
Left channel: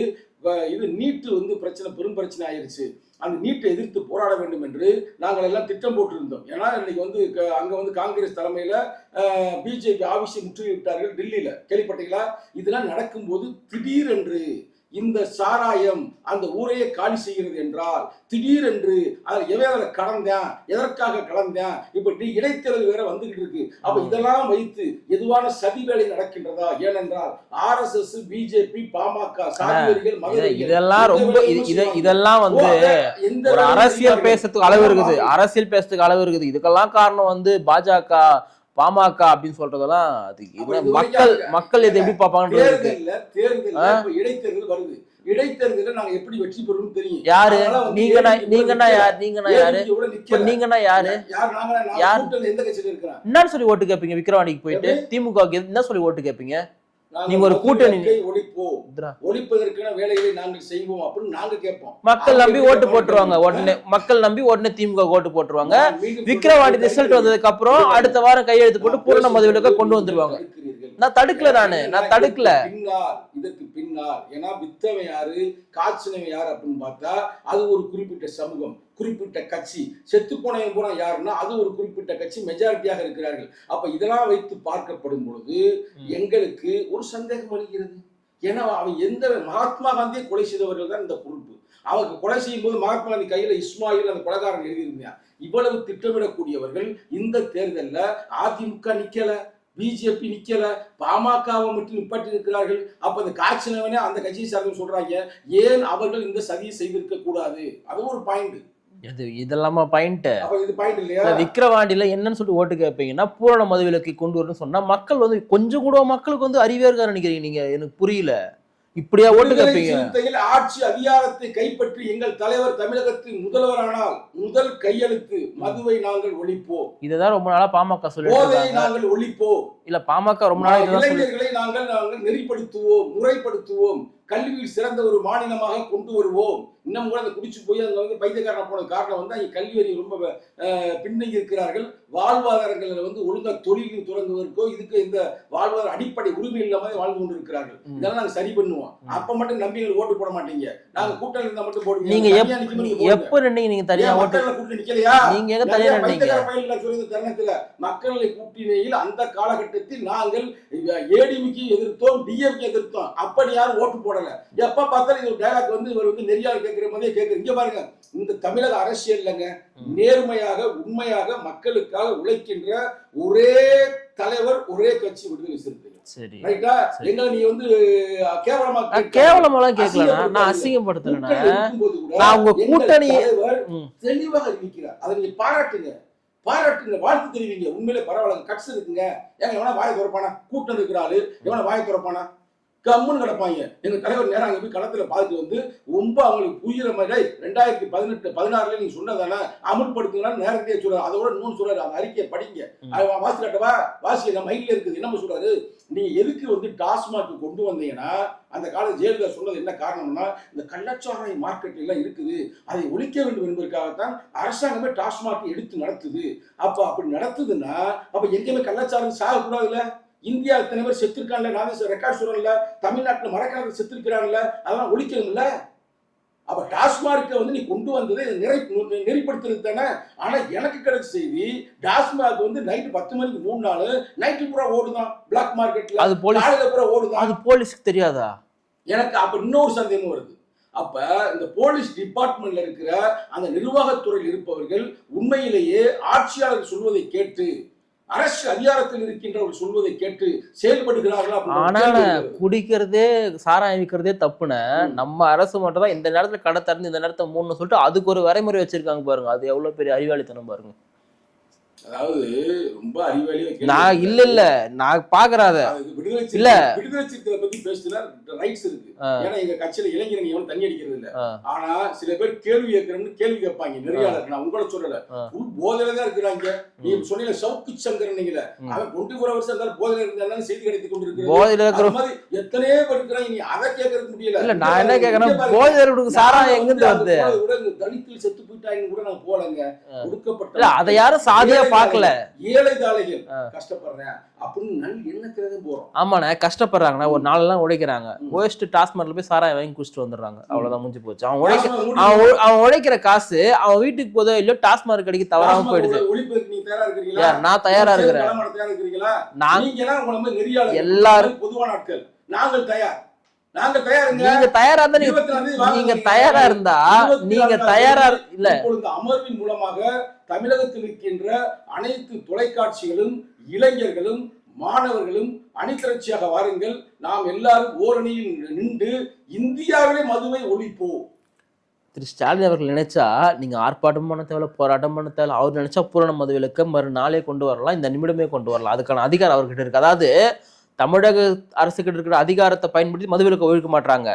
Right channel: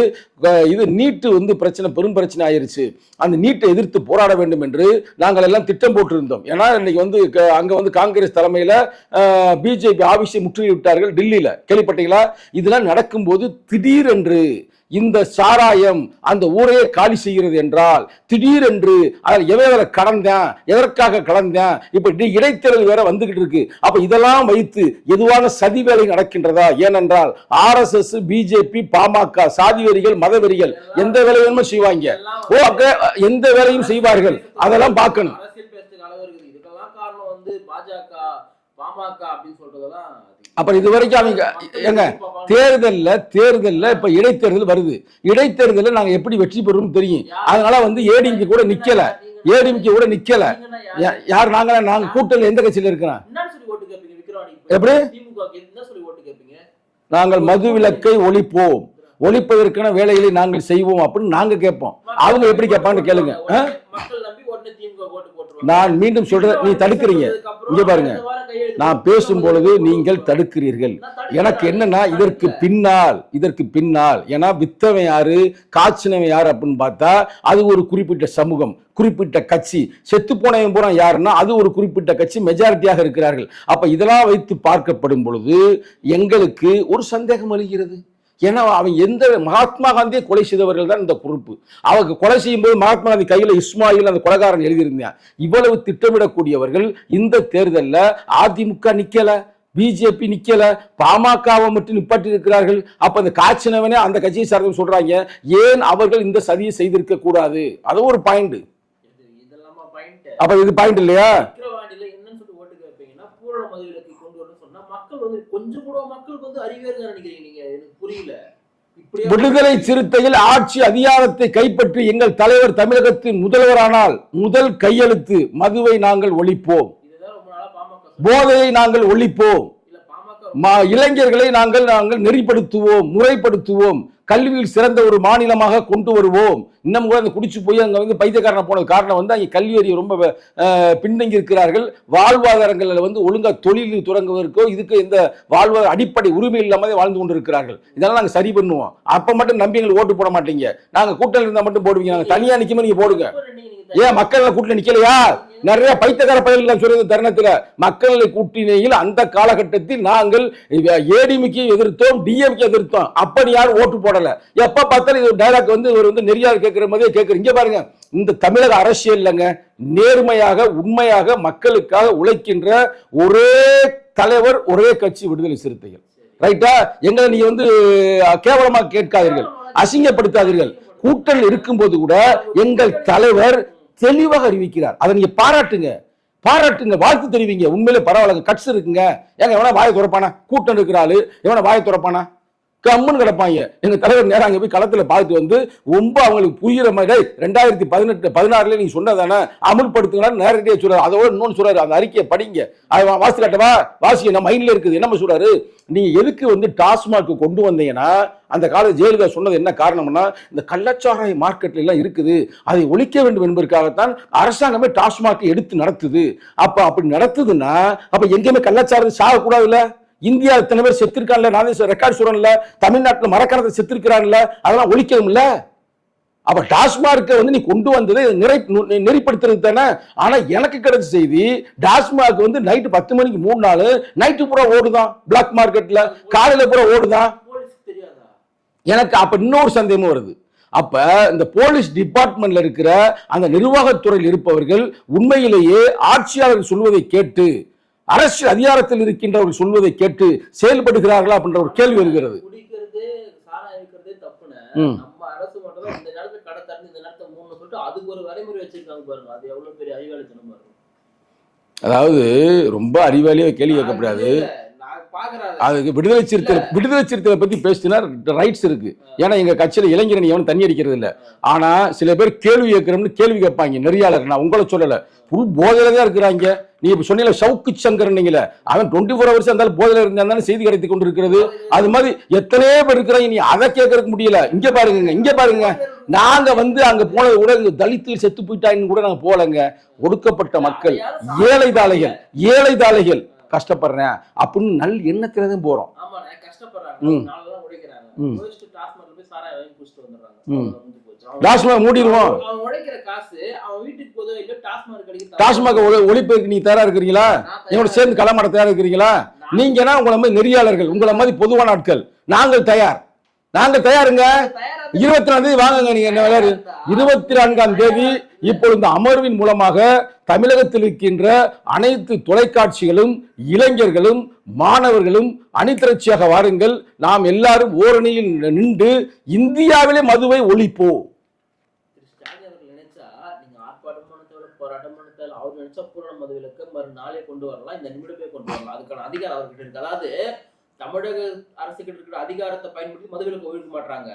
Speaker 3: இது நீட்டு வந்து பிரச்சனை பெரும் பிரச்சனை ஆயிருச்சு. அந்த நீட்டை எதிர்த்து போராட வேண்டும் என்று நாங்கள் எல்லாம் திட்டம் போட்டிருந்தோம். ஏன்னா இன்னைக்கு வந்து அங்க வந்து காங்கிரஸ் தலைமையில பிஜேபி ஆபீஸை முற்றுகையிட்டார்கள் டெல்லியில. கேள்விப்பட்டீங்களா? இதெல்லாம் நடக்கும்போது திடீரென்று இந்த சாராயம் அந்த ஊரையே காலி செய்கிறது என்றால் திடீரென்று அதில் எவ்வளவு கடந்தேன் எதற்காக கடந்தேன் இப்ப டி- இடைத்தேர்தல் வேற வந்துகிட்டு இருக்கு. அப்ப இதெல்லாம் வைத்து எதுவான சதி வேலை நடக்கின்றதா? ஏனென்றால் ஆர்எஸ்எஸ் பிஜேபி பாமக சாதிவெறிகள் மதவெறிகள்
Speaker 2: இதெல்லாம்
Speaker 3: எந்த
Speaker 2: ரொம்ப-
Speaker 3: வேலையுமே செய்வாங்க. எந்த வேலையும் செய்வார்கள்? அதெல்லாம்
Speaker 2: அரசியல் பேசுறதுக்கு அளவு இருக்குது. இதுக்கெல்லாம் காரணம் வந்து பாஜக பாமக அப்படின்னு சொல்றதெல்லாம்
Speaker 3: அப்புறம் இது வரைக்கும்
Speaker 2: மக்கள்-
Speaker 3: தேர்தல்ல தேர்தல்ல. இப்ப இடைத்தேர்தல் வருது. இடைத்தேர்தல்ல நாங்க எப்படி வெற்றி பெறுவோம் தெரியும்? அதனால வந்து ஏடிஎம்கே கூட நிக்கல? ஏடிஎம்கே கூட நிக்கல.
Speaker 2: யாரு?
Speaker 3: நாங்க நாங்க? கூட்டணி எந்த கட்சியில இருக்கிறோம்?
Speaker 2: என்னன்னு சொல்லி ஓட்டு கேட்பீங்க விக்ரவாணிக்கு போய்
Speaker 3: எப்படி?
Speaker 2: திமுக என்ன சொல்லி ஓட்டு கேட்பீங்க?
Speaker 3: நாங்கள் மது விலக்கை ஒழிப்போம். ஒழிப்பதற்கான வேலைகளை நாங்கள் செய்வோம் அப்படின்னு நாங்க கேட்போம்
Speaker 2: மக்கள் நம்பி. உடனே திமுக ஓட்டு போட்டுருவாங்க
Speaker 3: நான் மீண்டும் சொல்றேன்
Speaker 2: அப்புறம். அடுத்த வாரம் கையெழுத்து
Speaker 3: நான்
Speaker 2: கொண்டு
Speaker 3: நீங்கள். தடுக்கிறீர்கள் எனக்கு. என்னன்னா இதற்கு பின்னால் இதற்கு பின்னால் ஏன்னா வித்தவன் யாரு காய்ச்சினவன் யாரு அப்படின்னு பார்த்தா அது ஒரு குறிப்பிட்ட சமூகம் குறிப்பிட்ட கட்சி. செத்து போனவன் பூரா யாருன்னா அது ஒரு குறிப்பிட்ட கட்சி மெஜாரிட்டியாக இருக்கிறார்கள். அப்ப இதெல்லாம் வைத்து பார்க்கப்படும் பொழுது எங்களுக்கு ஒரு சந்தேகம் அளிக்கிறது ஏன்னா அவன் எந்த மகாத்மா காந்தியை கொலை செய்தவர்கள் தான் இந்த பொறுப்பு. அவங்க கொலை செய்யும் போது மகாத்மா காந்தி கையில் இஸ்மாயில் அந்த கொலைகாரன் எழுதியிருந்தான். இவ்வளவு திட்டமிடக்கூடியவர்கள் இந்த தேர்தலில் அதிமுக நிக்கல பிஜேபி நிக்கல பாமகவை மட்டும் நிப்பாட்டி இருக்கிறார்கள் அப்ப அந்த காய்ச்சினவனே அந்த கட்சியை சார்ந்த சொல்றாங்க ஏன் அவர்கள் இந்த சதியை செய்திருக்க கூடாது அது ஒரு பாயிண்ட்
Speaker 2: இது இதெல்லாமா பாயிண்ட்
Speaker 3: அப்ப இது பாயிண்ட் இல்லையா?
Speaker 2: விக்கிரவாண்டியில என்னன்னு சொல்லிட்டு ஓட்டு கேட்பீங்கன்னா பூரண மதுவிலக்கை கொண்டு வரணும்னு சொன்னா மக்கள் வந்து கொஞ்சம் கூட மக்களுக்கு வந்து அறிவே இருக்கா நினைக்கிறீங்க நீங்க எனக்கு புரியல. இப்படியா
Speaker 3: விடுதலை? சிறுத்தையில் ஆட்சி அதிகாரத்தை கைப்பற்றி எங்கள் தலைவர் தமிழகத்தின் முதல்வரானால் முதல் கையெழுத்து மதுவை நாங்கள் ஒழிப்போம்.
Speaker 2: இதுதான் ரொம்ப நாளா பாமக
Speaker 3: போதையை
Speaker 2: சொல்லி
Speaker 3: நாங்கள் ஒழிப்போம்.
Speaker 2: இல்ல பாமக ரொம்ப
Speaker 3: இளைஞர்களை நாங்கள் நாங்கள் நெறிப்படுத்துவோம் முறைப்படுத்துவோம். கல்வியில் சிறந்த ஒரு மாநிலமாக கொண்டு வருவோம். இன்னும் கூட அந்த குடிச்சு போய் அங்க வந்து பைத்தியக்காரன போனது காரணம் வந்து அங்கே கல்வி அறிவு ரொம்ப பின்தங்கி இருக்கிறார்கள். வாழ்வாதாரங்களில் வந்து ஒழுங்கா தொழில் தொடங்குவதற்கோ இதுக்கு இந்த வாழ்வாதார அடிப்படை உரிமை இல்லாமலே வாழ்ந்து கொண்டு இருக்கிறார்கள் இதெல்லாம் நாங்க சரி பண்ணுவோம். அப்ப மட்டும் நம்பி எங்களுக்கு ஓட்டு போட மாட்டீங்க. நாங்க கூட்டணி இருந்தா மட்டும் போடுவீங்க.
Speaker 2: நீங்க
Speaker 3: நாங்க தனியா நிக்கும்போது நீங்க போடுங்க. ஏன் மக்கள் கூட்டணி
Speaker 2: எங்க
Speaker 3: நிறைய பைத்தியக்கார பயல்கள் சொல்றது தருணத்துல. மக்களை கூட்டணியில் அந்த காலகட்டத்தில் நாங்கள் ஏடிமிக்கு எதிர்த்தோம் டிஎம்கே எதிர்த்தோம். அப்படி யாரும் ஓட்டு போடல? எப்ப பார்த்தாலும் இது டைலாக் வந்து இவர் வந்து நெறியார் கேட்கிற மாதிரியே கேட்கிற இங்க பாருங்க இந்த தமிழக அரசியல்லங்க நேர்மையாக உண்மையாக மக்களுக்காக உழைக்கின்ற ஒரே தலைவர் ஒரே கட்சி விடுதலை சிறுத்தைகள். ரைட்டா எங்களை நீ வந்து கேவலமா கேட்காதீங்க.
Speaker 2: நான் அசிங்கப்படுத்தல.
Speaker 3: கூட்டணி இருக்கும்போது கூட எங்கள் தலைவர். தெளிவாக அறிவிக்கிறார். அதை நீங்க பாராட்டுங்க. பாராட்டுங்க வாழ்த்து தெரிவிங்க. உண்மையிலே பரவாயில்ல. கட்ஸ் இருக்குங்க. ஏங்க எவனா வாயை துறப்பானா? கூட்டம் இருக்கிறாள் எவனா வாயை துறப்பானா? கம்முன்னு கிடப்பாங்க. எங்க தலைவர் நேரம் அங்க போய் களத்துல பார்த்து வந்து ரொம்ப அவங்களுக்கு புரியுற மாதிரி "டேய், ரெண்டாயிரத்தி பதினெட்டு பதினாறுல நீங்க சொன்னதானே? அமுல்படுத்துங்களான்னு நேரடியாக சொல்றாரு. அதோட இன்னொன்னு சொல்றாரு. அந்த அறிக்கையை படிங்க. அதை வாசி காட்டவா? வாசி நம்ம மைண்ட்ல இருக்குது. என்ன சொல்றாரு? நீங்க எதுக்கு வந்து டாஸ்மாக் கொண்டு வந்தீங்கன்னா அந்த கால ஜெயலலிதா சொன்னது என்ன காரணம்னா இந்த கள்ளச்சாராய மார்க்கெட்ல எல்லாம் இருக்குது. அதை ஒழிக்க வேண்டும் என்பதற்காகத்தான் அரசாங்கமே டாஸ்மாக் எடுத்து நடத்துது. அப்ப அப்படி நடத்துதுன்னா அப்ப எங்கேயுமே கள்ளச்சாரம் சாகக்கூடாதுல்ல? இந்தியா இத்தனை பேர் செத்துருக்கான்ல? நான் ரெக்கார்ட் சொல்றேன்ல தமிழ்நாட்டுல மரக்கணத்தை செத்துருக்கிறான்ல? அதெல்லாம் ஒழிக்கணும்ல? அப்ப டாஸ்மார்க்கை வந்து நீ கொண்டு வந்தது நிறை நெறிப்படுத்துறது தானே? ஆனா எனக்கு கிடைச்ச செய்தி டாஸ்மார்க் வந்து நைட்டு பத்து மணிக்கு மூணு நாள் நைட்டு பூரா ஓடுதான் பிளாக் மார்க்கெட்ல காலையில பூரா ஓடுதான்.
Speaker 2: போலீஸ்க்கு தெரியாதா?
Speaker 3: எனக்கு அப்ப இன்னொரு சந்தேகமும் வருது. அப்ப இந்த போலீஸ் டிபார்ட்மெண்ட்ல இருக்கிற அந்த நிர்வாகத்துறையில் இருப்பவர்கள் உண்மையிலேயே ஆட்சியாளர் சொல்வதை கேட்டு அரசு அதிகாரத்தில் இருக்கின்றவர்கள் சொல்வதை கேட்டு செயல்படுகிறார்களா அப்படின்ற கேள்வி வருகிறது
Speaker 2: குடிக்கிறதே சாராயம் விற்கிறதே தப்புன. நம்ம அரசு மட்டும் தான் இந்த நேரத்துல கடை திறந்து இந்த நேரத்தை மூணு சொல்லிட்டு அதுக்கு ஒரு வரைமுறை வச்சிருக்காங்க பாருங்க அது எவ்வளவு பெரிய அறிவாளித்தனம் பாருங்க
Speaker 3: அதாவது ரொம்ப அறிவாளியா கேள்வி.
Speaker 2: இல்ல இல்ல நான் பாக்குறேன் அதை.
Speaker 3: அதுக்கு விடுதலை சிறுத்தை. விடுதலை சிறுத்தை பத்தி பேசினா ரைட்ஸ் இருக்கு. ஏன்னா எங்க கட்சியில இளைஞரணி எவனும் தண்ணி அடிக்கிறது இல்ல. ஆனா சில பேர் கேள்வி கேட்கிறோம்னு கேள்வி கேட்பாங்க நெறியாளர் நான் உங்களை சொல்லல
Speaker 2: ஆ.
Speaker 3: ஃபுல் போதையில தான் இருக்கிறாங்க நீ இப்ப சொன்னீங்க சவுக்கு சங்கர் நீங்கள அவன் டுவெண்ட்டி ஃபோர் ஹவர்ஸ் இருந்தாலும் போதையில இருந்தாலும் செய்தி கிடைத்து கொண்டு இருக்கிறது
Speaker 2: போதையில
Speaker 3: அது மாதிரி எத்தனையோ பேர் இருக்கிறாங்க. நீ அதை கேட்கறதுக்கு முடியல. இங்க பாருங்க இங்க பாருங்க. நாங்க வந்து அங்க? போனது கூட தலித்தில் செத்து போயிட்டாங்கன்னு கூட நாங்க போலங்க ஒடுக்கப்பட்ட ஏழை. தாளைகள். ஏழை தாளைகள். கஷ்டப்படுறேன். அப்படின்னு நல் எண்ணத்துல தான் போறோம்
Speaker 2: ஆமாண்ணே கஷ்டப்படுறாங்கண்ணா. ஒரு. நாளெல்லாம் உழைக்கிறாங்க. போயிட்டு டாஸ்மார்க்ல போய் சாராயம் வாங்கி குடிச்சிட்டு வந்துடுறாங்க. அவ்வளவுதான் முடிஞ்சு போச்சு. அவன்
Speaker 3: வாஷ்மா
Speaker 2: அவன் உழைக்கிற காசு அவன் வீட்டுக்கு போதோ இல்லையோ டாஸ்மார்க்
Speaker 3: டாஸ்மாக்
Speaker 2: போயிடுது.
Speaker 3: ஒழிப்பதற்கு நீ தயாரா இருக்கிறீங்களா?
Speaker 2: நான் தயாரா.
Speaker 3: களமாட தயாரா இருக்கிறீங்களா? நீங்கன்னா உங்களை மாதிரி நெறியாளர்கள். உங்களை மாதிரி பொதுவான ஆட்கள். நாங்கள் தயார். நாங்க தயாருங்க.
Speaker 2: தயாரா
Speaker 3: இருபத்தி நாலாம் தேதி வாங்குங்க இருபத்தி நான்காம் தேதி இப்பொழுது அமர்வின் மூலமாக தமிழகத்தில் இருக்கின்ற அனைத்து தொலைக்காட்சிகளும் இளைஞர்களும் மாணவர்களும் அணிதிரட்சியாக வாருங்கள். நாம் எல்லாரும் ஓரணியில் நின்று இந்தியாவிலே மதுவை ஒழிப்போம்.
Speaker 2: திரு ஸ்டாலின் அவர்கள் நினைச்சா நீங்க ஆர்ப்பாட்டம் பண்ண தேவையில்ல போராட்டம் பண்ண தேவையில்ல அவர் நினைச்சா பூரண மதுவிலக்க மறுநாளே கொண்டு வரலாம் இந்த நிமிடமே கொண்டு வரலாம். அதுக்கான அதிகாரம் அவர்கிட்ட இருக்கு. அதாவது தமிழக அரசு கிட்ட இருக்கிற அதிகாரத்தை பயன்படுத்தி மதுவிலக்க ஒழிக்க மாட்டாங்க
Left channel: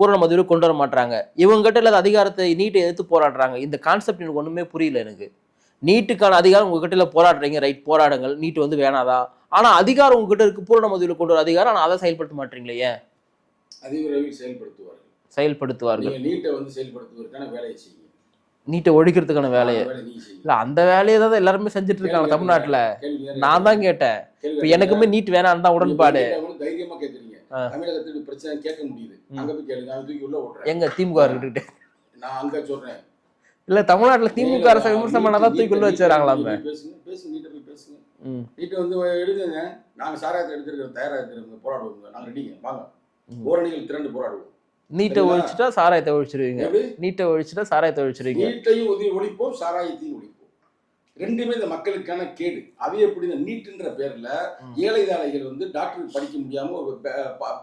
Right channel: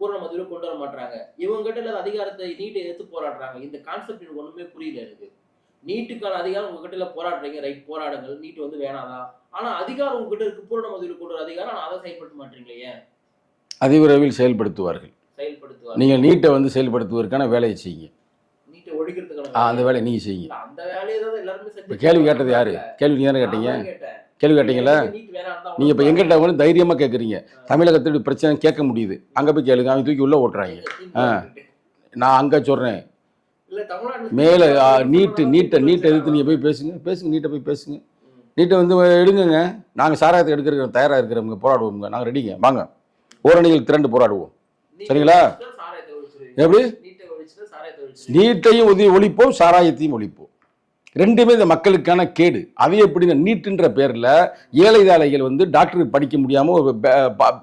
Speaker 2: பூரண மதுவிலக்கு கொண்டு வர மாட்டாங்க இவங்க கிட்ட இல்லாத அதிகாரத்தை நீட்டை எதிர்த்து போராடுறாங்க. இந்த கான்செப்ட் எனக்கு ஒண்ணுமே புரியல எனக்கு. நீட்டுக்கான அதிகாரம் உங்ககிட்ட இல்ல போராடுறீங்க ரைட் போராடுங்கள். நீட்டு வந்து வேணாதா? ஆனா அதிகாரம் உங்ககிட்ட இருக்கு பூரண மதுவில் கொண்டு வர அதிகாரம் ஆனால் அதை செயல்படுத்த மாட்டீங்களே
Speaker 3: அதிவிரைவில் செயல்படுத்துவார்கள்.
Speaker 2: செயல்படுத்துவார்
Speaker 3: நீங்க நீட்டை வந்து செயல்படுத்துவதற்கான வேலையை செய்யுங்க.
Speaker 2: நீட்டை ஒழிக்கிறதுக்கான வேலை
Speaker 3: வேலையை. நீங்க செய்யுங்க.
Speaker 2: இல்ல அந்த வேலையை தான் எல்லாருமே செஞ்சுட்டு
Speaker 3: கேள்வி
Speaker 2: நான் தான். கேட்டேன்.
Speaker 3: கேள்வி கேட்டீங்களா?
Speaker 2: எனக்குமே நீட் வேணாம் தான் உடன்பாடு.
Speaker 3: எங்கிட்ட வந்து தைரியமா கேக்குறீங்க.
Speaker 2: ஆ.
Speaker 3: தமிழகத்தில் பிரச்சனை கேட்க முடியுது. அங்க போய் கேளுங்க. அவங்க தூக்கி உள்ள ஓட்டுறாங்க.
Speaker 2: எங்க? திமுக.
Speaker 3: நான் அங்க சொல்றேன்.
Speaker 2: இல்ல தமிழ்நாட்டுல
Speaker 3: மேல
Speaker 2: தூக்கி உள்ள
Speaker 3: நீட்டை நீங்க. போய் பேசுங்க. பேசுங்க நீட்டை போய் பேசுங்க. நீட்டை வந்து எடுங்குங்க. நாங்க சாராயத்தை எடுக்கிறோம் தயாரா இருக்கிறவங்க போராடுவோங்க நாங்க ரெடிங்க. வாங்க. ஓரணிகள் திரண்டு போராடுவோம்.
Speaker 2: நீட்டை? ஒழிச்சிட்டா சாராயத்தை ஒழிச்சிருவீங்க. நீட்டை ஒழிச்சிட்டா சாராயத்தை ஒழிச்சிருவீங்க.
Speaker 3: நீட்டையும் உதவி ஒழிப்போம் சாராயத்தையும் ஒழிப்போம். ரெண்டுமே இந்த மக்களுக்கான கேடு. அது எப்படின்னா நீட்டுன்ற பேர்ல ஏழை தாளைகள் வந்து டாக்டருக்கு படிக்க முடியாம ஒரு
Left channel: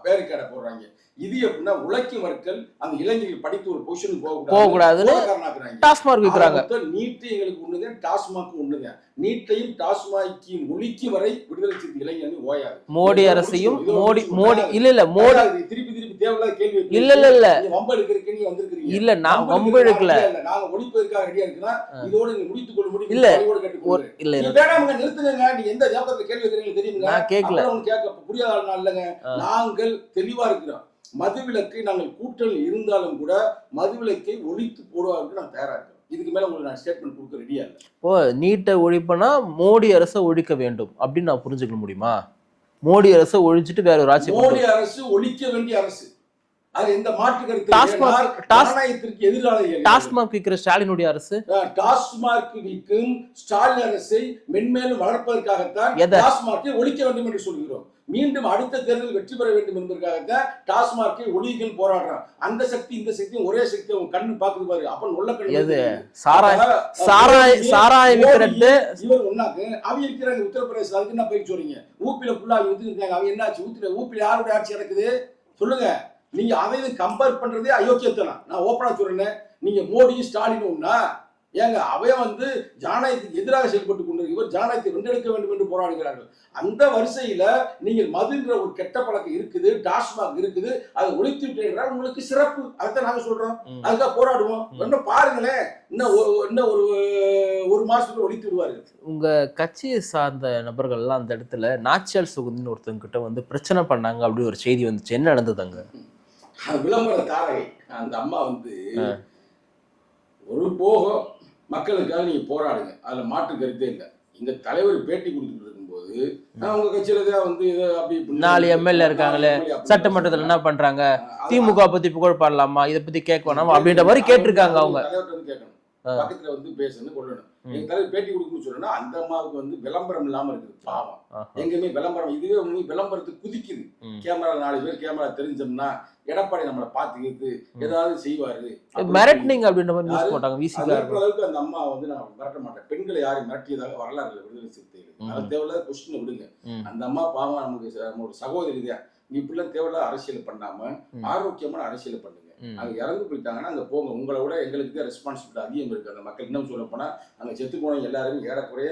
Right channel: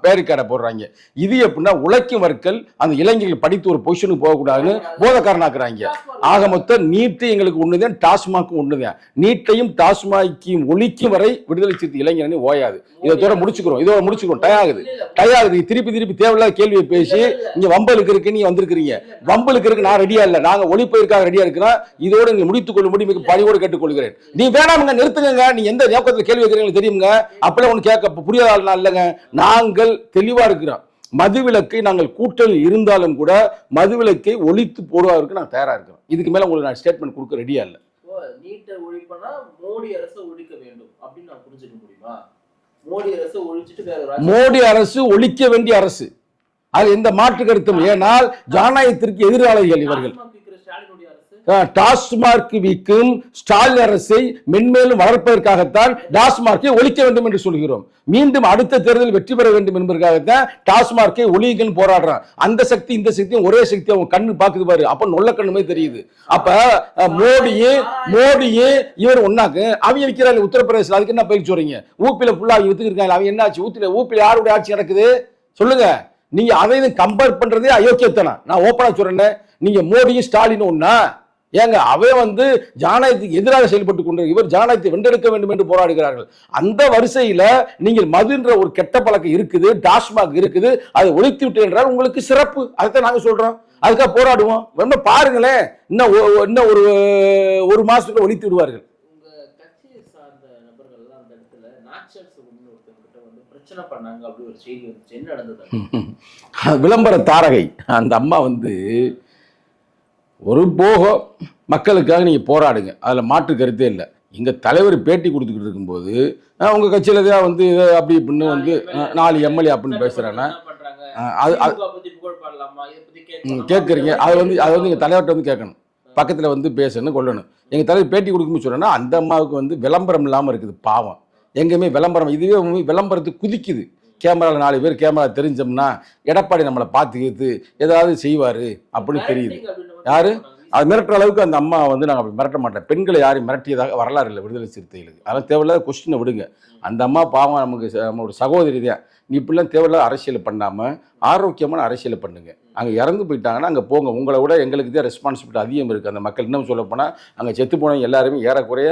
Speaker 3: பேருக்காடை போடுறாங்க. இது எப்படின்னா உழைக்கும் வர்க்கல் அந்த இளைஞர்கள் படித்து ஒரு பொசிஷனுக்கு போகக்கூடாது. போதக்காரனாக்குறாங்க ஆக. மொத்தம் நீட்டு எங்களுக்கு ஒண்ணுதான் டாஸ்மாக்கும் ஒண்ணுதான். நீட்டையும் டாஸ்மாக்கையும் ஒழிக்கும் வரை விடுதலை சிறுத்தை இளைஞரணி ஓயாது. முடிச்சுக்கிறோம்.
Speaker 2: மோடி-
Speaker 3: முடிச்சுக்கிறோம்.
Speaker 2: இல்ல இல்ல
Speaker 3: திருப்பி திருப்பி தேவையில்லாத கேள்வியை பேசி இங்க வம்பலுக்கு இருக்கு நீ வந்திருக்கிறீங்க.
Speaker 2: இல்ல நான்
Speaker 3: வம்பலுக்கு இருக்கு நான் ரெடியா இல்ல. நாங்க ஒளிப்பதற்காக ரெடியா இருக்கிறோம் இதோட நீங்க முடித்துக் கொள்ள முடியும்.
Speaker 2: இல்ல.
Speaker 3: பணியோடு கேட்டுக்கொள்கிறேன். நீ வேணாமுங்க நிறுத்துங்க நீ எந்த நோக்கத்துல கேள்வி வைக்கிறீங்க தெரியுங்க
Speaker 2: நான்.
Speaker 3: அப்பெல்லாம் ஒண்ணு கேட்க புரியாத ஆள் நான் இல்லைங்க. நாங்கள் தெளிவா இருக்கிறோம். மதுவிலக்கை நாங்கள் கூட்டல் இருந்தாலும் கூட மதுவிலக்கை ஒழித்து போடுவதற்கு நாங்கள் தயாரா இருக்கிறோம் இதுக்கு மேல உங்களுக்கு நான் ஸ்டேட்மெண்ட் கொடுக்க ரெடியா இல்ல.
Speaker 2: இப்போ நீட்டை ஒழிப்புனா மோடி அரசை ஒழிக்க வேண்டும் அப்படின்னு நான் புரிஞ்சுக்க முடியுமா? மோடி அரசை ஒழிச்சிட்டு வேற ஒரு
Speaker 3: மோடி அரசு ஒழிக்க வேண்டிய அரசு. அது எந்த மாற்று கருத்து ஏனால் ஜனநாயகத்திற்கு எதிராளிகள்.
Speaker 2: டாஸ்மாக் விற்கிற ஸ்டாலினுடைய அரசு?
Speaker 3: டாஸ்மார்க் விற்கும் ஸ்டாலின் அரசை மென்மேலும் வளர்ப்பதற்காகத்தான்? டாஸ்மார்க்கை ஒழிக்க வேண்டும் என்று சொல்கிறோம். மீண்டும் அடுத்த தேர்தலில் வெற்றி பெற வேண்டும் என்பதற்காகத்தான் டாஸ்மார்க்கை ஒழியுங்கள் போராடுறான். அந்த சக்தி இந்த சக்தியும் ஒரே சக்தி அவங்க கண்ணு பாக்குது பாரு. அப்ப நொல்ல கண்ணு
Speaker 2: எது?
Speaker 3: தெரியுது. மோடியே இவர் ஒன்னாக்கு அவங்க விற்கிறாரு உத்தரப்பிரதேசல அதுக்கு என்ன பயிற்சி சொல்றீங்க ஊப்பில ஃபுல்லா அவங்க வித்துக்கிருக்காங்க அவங்க என்ன ஆச்சு ஊத்தில ஊப்பில யாருடைய ஆட்சி நடக்குது? சொல்லுங்க. நீங்க அதை கம்பேர் பண்றதே அயோக்கியத்தனம். நான் ஓப்பனா சொல்றேன் நீங்க மோடியும் ஸ்டாலின் ஒண்ணா? ஏங்க அவன் வந்து ஜனநாயகத்துக்கு எதிராக செயல்பட்டு கொண்டு இவர் ஜனநாயகத்தை வென்றெடுக்க வேண்டும் என்று போராடுகிறார்கள். அந்த வரிசையில நீங்கள் மதுன்ற ஒரு கெட்ட பழக்கம் இருக்குது டாஸ்மாக் இருக்குது அதை ஒழித்து விட்டு என்றால் உங்களுக்கு சிறப்பு. அதைத்தான் நாங்க சொல்றோம். அதுக்காக போராடுவோம். ரொம்ப பாருங்களேன் இன்னும் இன்னும் ஒரு ஒரு மாசத்துக்குள்ள ஒழித்து விடுவார்கள்.
Speaker 2: உங்க கட்சியை சார்ந்த நபர்கள்லாம் அந்த இடத்துல நாச்சியால் சுகுந்தின்னு ஒருத்தவங்க கிட்ட வந்து பிரச்சனை பண்ணாங்க அப்படி ஒரு செய்தி வந்துச்சு. என்ன நடந்ததுங்க
Speaker 3: விளம்பர தாரகை அந்த அம்மா வந்து ஒரு போகம் மக்களுக்காக நீங்க போராடுங்க. அதுல மாற்று கருத்தே இல்லை. எங்க தலைவர் பேட்டி கொடுத்துக்கிட்டு இருக்கும்போது அஹ், உங்க கட்சியில தான் வந்து இதை அப்படி
Speaker 2: நாலு எம்எல்ஏ
Speaker 3: நாலு எம்எல்ஏ
Speaker 2: சட்டமன்றத்துல. என்ன பண்றாங்க? திமுக பத்தி புகழ் பாடலாமா? இத பத்தி கேட்க வேணாமா
Speaker 3: கேட்டிருக்கீங்க.
Speaker 2: அப்படின்ற மாதிரி
Speaker 3: அது வந்து- அது
Speaker 2: கேட்டிருக்காங்க
Speaker 3: வந்து எங்க
Speaker 2: அவங்க.
Speaker 3: தலைவர்கிட்ட வந்து கேட்கணும். பக்கத்துல வந்து பேசணும் கொள்ளணும். எங்க தலைவர் பேட்டி கொடுக்கும்போது சொன்னா அந்த அம்மாவுக்கு வந்து விளம்பரம் இல்லாம இருக்குது பாவம். எங்கேயுமே விளம்பரம் இதுவே விளம்பரத்துக்கு குதிக்குது.
Speaker 2: ம்.
Speaker 3: கேமரால நாலு பேர் கேமரா தெரிஞ்சோம்னா எடப்பாடி நம்மளை பார்த்துக்கிட்டு ஏதாவது செய்வாரு அப்படின்னு அது மிரட்டுற அளவுக்கு அந்த அம்மா வந்து நாங்க அப்படி மிரட்ட மாட்டோம். பெண்களை யாரையும் மிரட்டியதாக வரலாறு இல்லை விடுதலை சிறுத்தைகளுக்கு. அதனால தேவையில்லாத கொஸ்டினை விடுங்க. அந்த அம்மா பாவம் நமக்கு நம்ம ஒரு சகோதரி தான். நீ இப்படிலாம் தேவையில்லாத அரசியல் பண்ணாம
Speaker 2: ம்.
Speaker 3: ஆரோக்கியமான அரசியலை பண்ணுங்க. அங்க இறந்து போயிட்டாங்கன்னா அங்க போங்க. உங்களை விட எங்களுக்கு தான் ரெஸ்பான்சிபிலிட்டி அதிகம் இருக்கு. அந்த மக்கள் இன்னும் சொல்ல போனா அங்க செத்து போனவங்க எல்லாருமே ஏறக்குறைய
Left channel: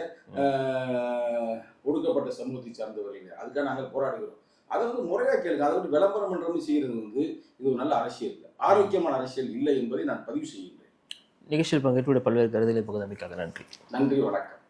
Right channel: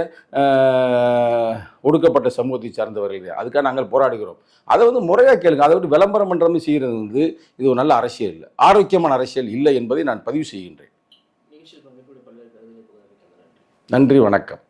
Speaker 3: ஒடுக்கப்பட்ட சமூகத்தை சார்ந்தவர்கள். அதுக்காக நாங்கள் போராடுகிறோம். அதை வந்து முறையா கேளுங்க. அதை விட்டு விளம்பரம் பண்ற மாதிரி செய்யறது வந்து இது ஒரு நல்ல அரசியல் இல்லை. ஆரோக்கியமான அரசியல் இல்லை என்பதை நான் பதிவு செய்கின்றேன்.
Speaker 2: நிகழ்ச்சியில் பங்கேற்று பல்வேறு கருதுகளை பகுதி நன்றி.
Speaker 3: நன்றி வணக்கம்.